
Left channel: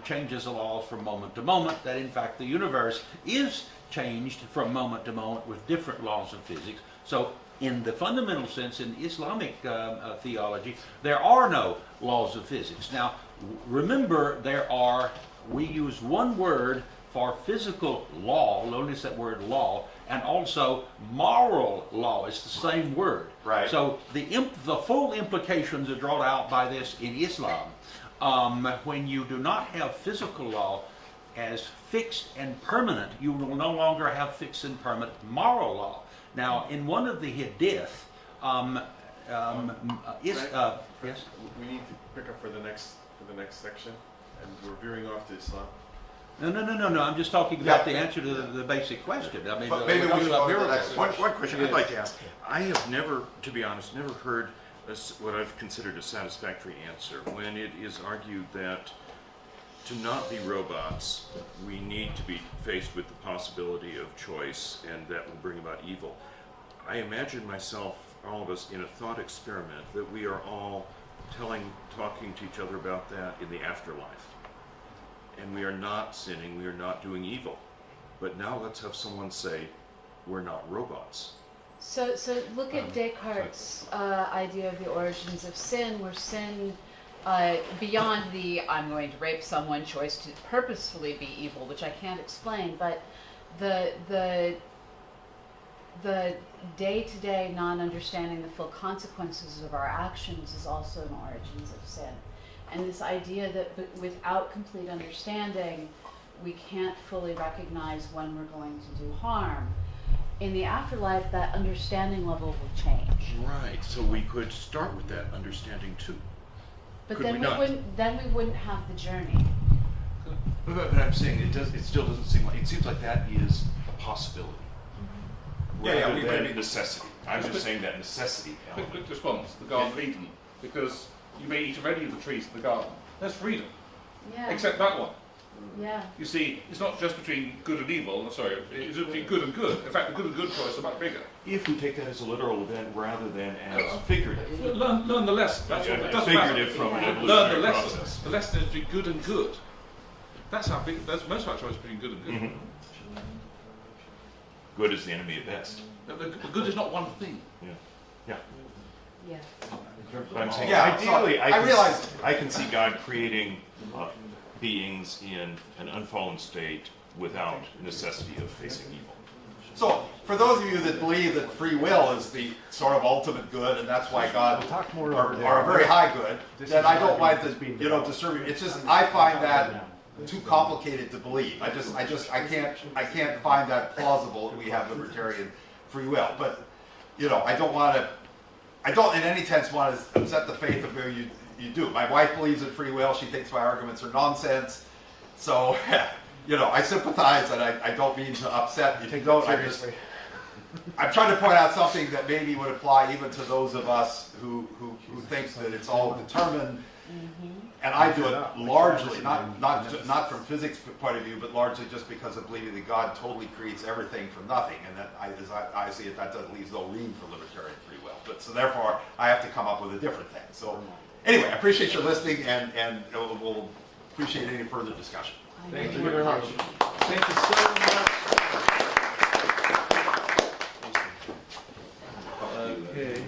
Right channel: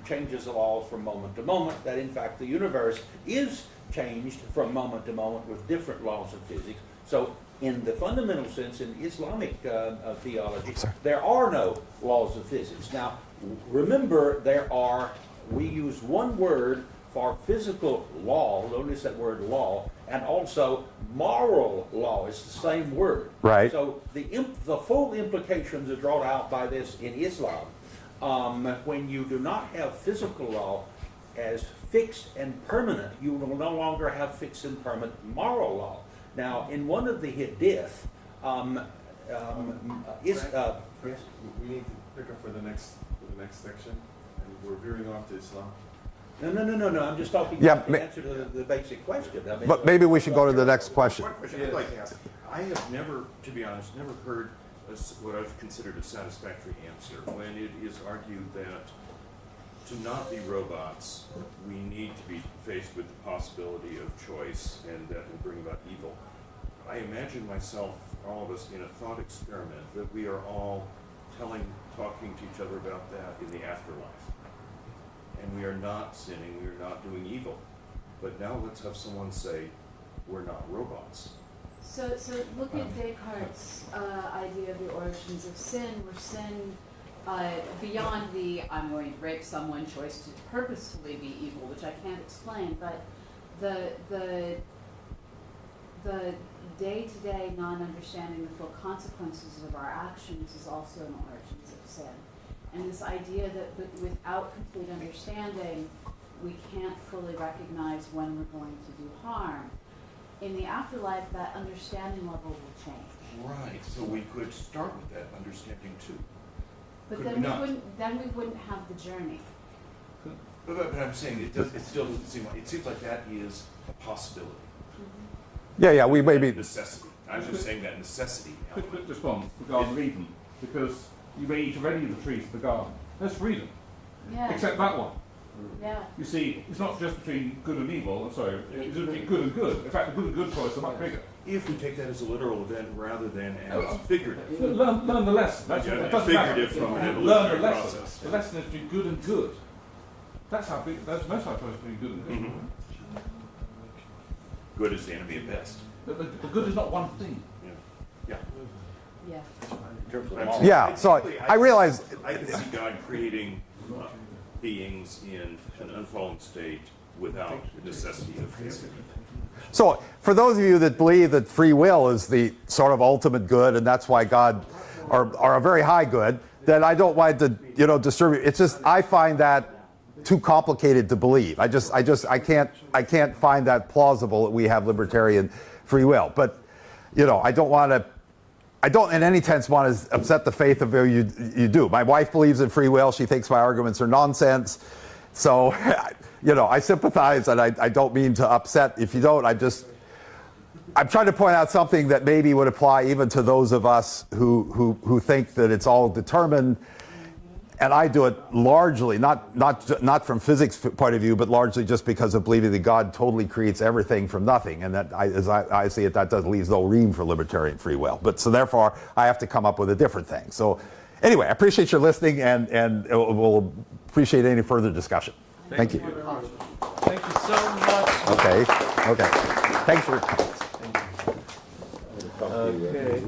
changes the laws from moment to moment, that in fact the universe is changed from moment to moment with different laws of physics. So in the fundamental sense, in Islamic theology, there are no laws of physics. Now, remember, we use one word for physical law, we'll notice that word law, and also moral law is the same word. Right. So the full implications are drawn out by this in Islam. When you do not have physical law as fixed and permanent, you will no longer have fixed and permanent moral law. Now, in one of the hadith, yes? We need to pick up for the next section, and we're veering off to Islam. No. I'm just talking about the answer to the basic question. I mean, But maybe we should go to the next question. One question I'd like to ask. I have never, to be honest, heard what I've considered a satisfactory answer when it is argued that to not be robots, we need to be faced with the possibility of choice, and that will bring about evil. I imagine myself, all of us, in a thought experiment that we are all talking to each other about that in the afterlife. And we are not sinning, we are not doing evil. But now let's have someone say, we're not robots. So look at Descartes' idea of the origins of sin, where sin, beyond the I'm going to rape someone choice to purposefully be evil, which I can't explain, but the day-to-day non-understanding the full consequences of our actions is also an origins of sin. And this idea that without complete understanding, we can't fully recognize when we're going to do harm. in the afterlife, that understanding level will change. Right, so we could start with that understanding too. But Could then we not? we wouldn't have the journey. But I'm saying it still doesn't seem like, it seems like that is a possibility. Yeah, we That maybe. necessity. I was just saying that necessity. Quick response, the Garden of Eden, because you may eat of any of the trees in the garden. There's freedom, Yeah. except that one. Yeah. You see, it's not just between good and evil, sorry, it's between good and good. In fact, the good and good choice are much bigger. If we take that as a literal event rather than as figurative. Learn the lesson. That's what it doesn't matter. Figurative from an Learn the evolutionary lesson. process. The lesson is between good and good. That's how big. That's most of our choice between good and good. Mhm. Good is the enemy of best. The good is not one thing. Yeah. Yeah. I'm saying Yeah, so ideally, I can realize- I can see God creating beings in an unfallen state without necessity of facing evil. So, for those of you that believe that free will is the sort of ultimate good, and that's why God, or a very high good, then I don't mind to, distribute. It's just I find that too complicated to believe. I can't find that plausible that we have libertarian free will. But, I don't in any sense want to upset the faith of you do. My wife believes in free will. She thinks my arguments are nonsense. So, I sympathize, and I don't mean to upset. If you don't, I'm trying to point out something that maybe would apply even to those of us who think that it's all determined. And I do it largely, not from physics point of view, but largely just because of believing that God totally creates everything from nothing. And that, as I see it, that leaves no room for libertarian free will. So therefore, I have to come up with a different thing. So anyway, I appreciate your listening, and we'll appreciate any further discussion. Thank you. very much. Thank you so much. Okay. Thanks for. Okay.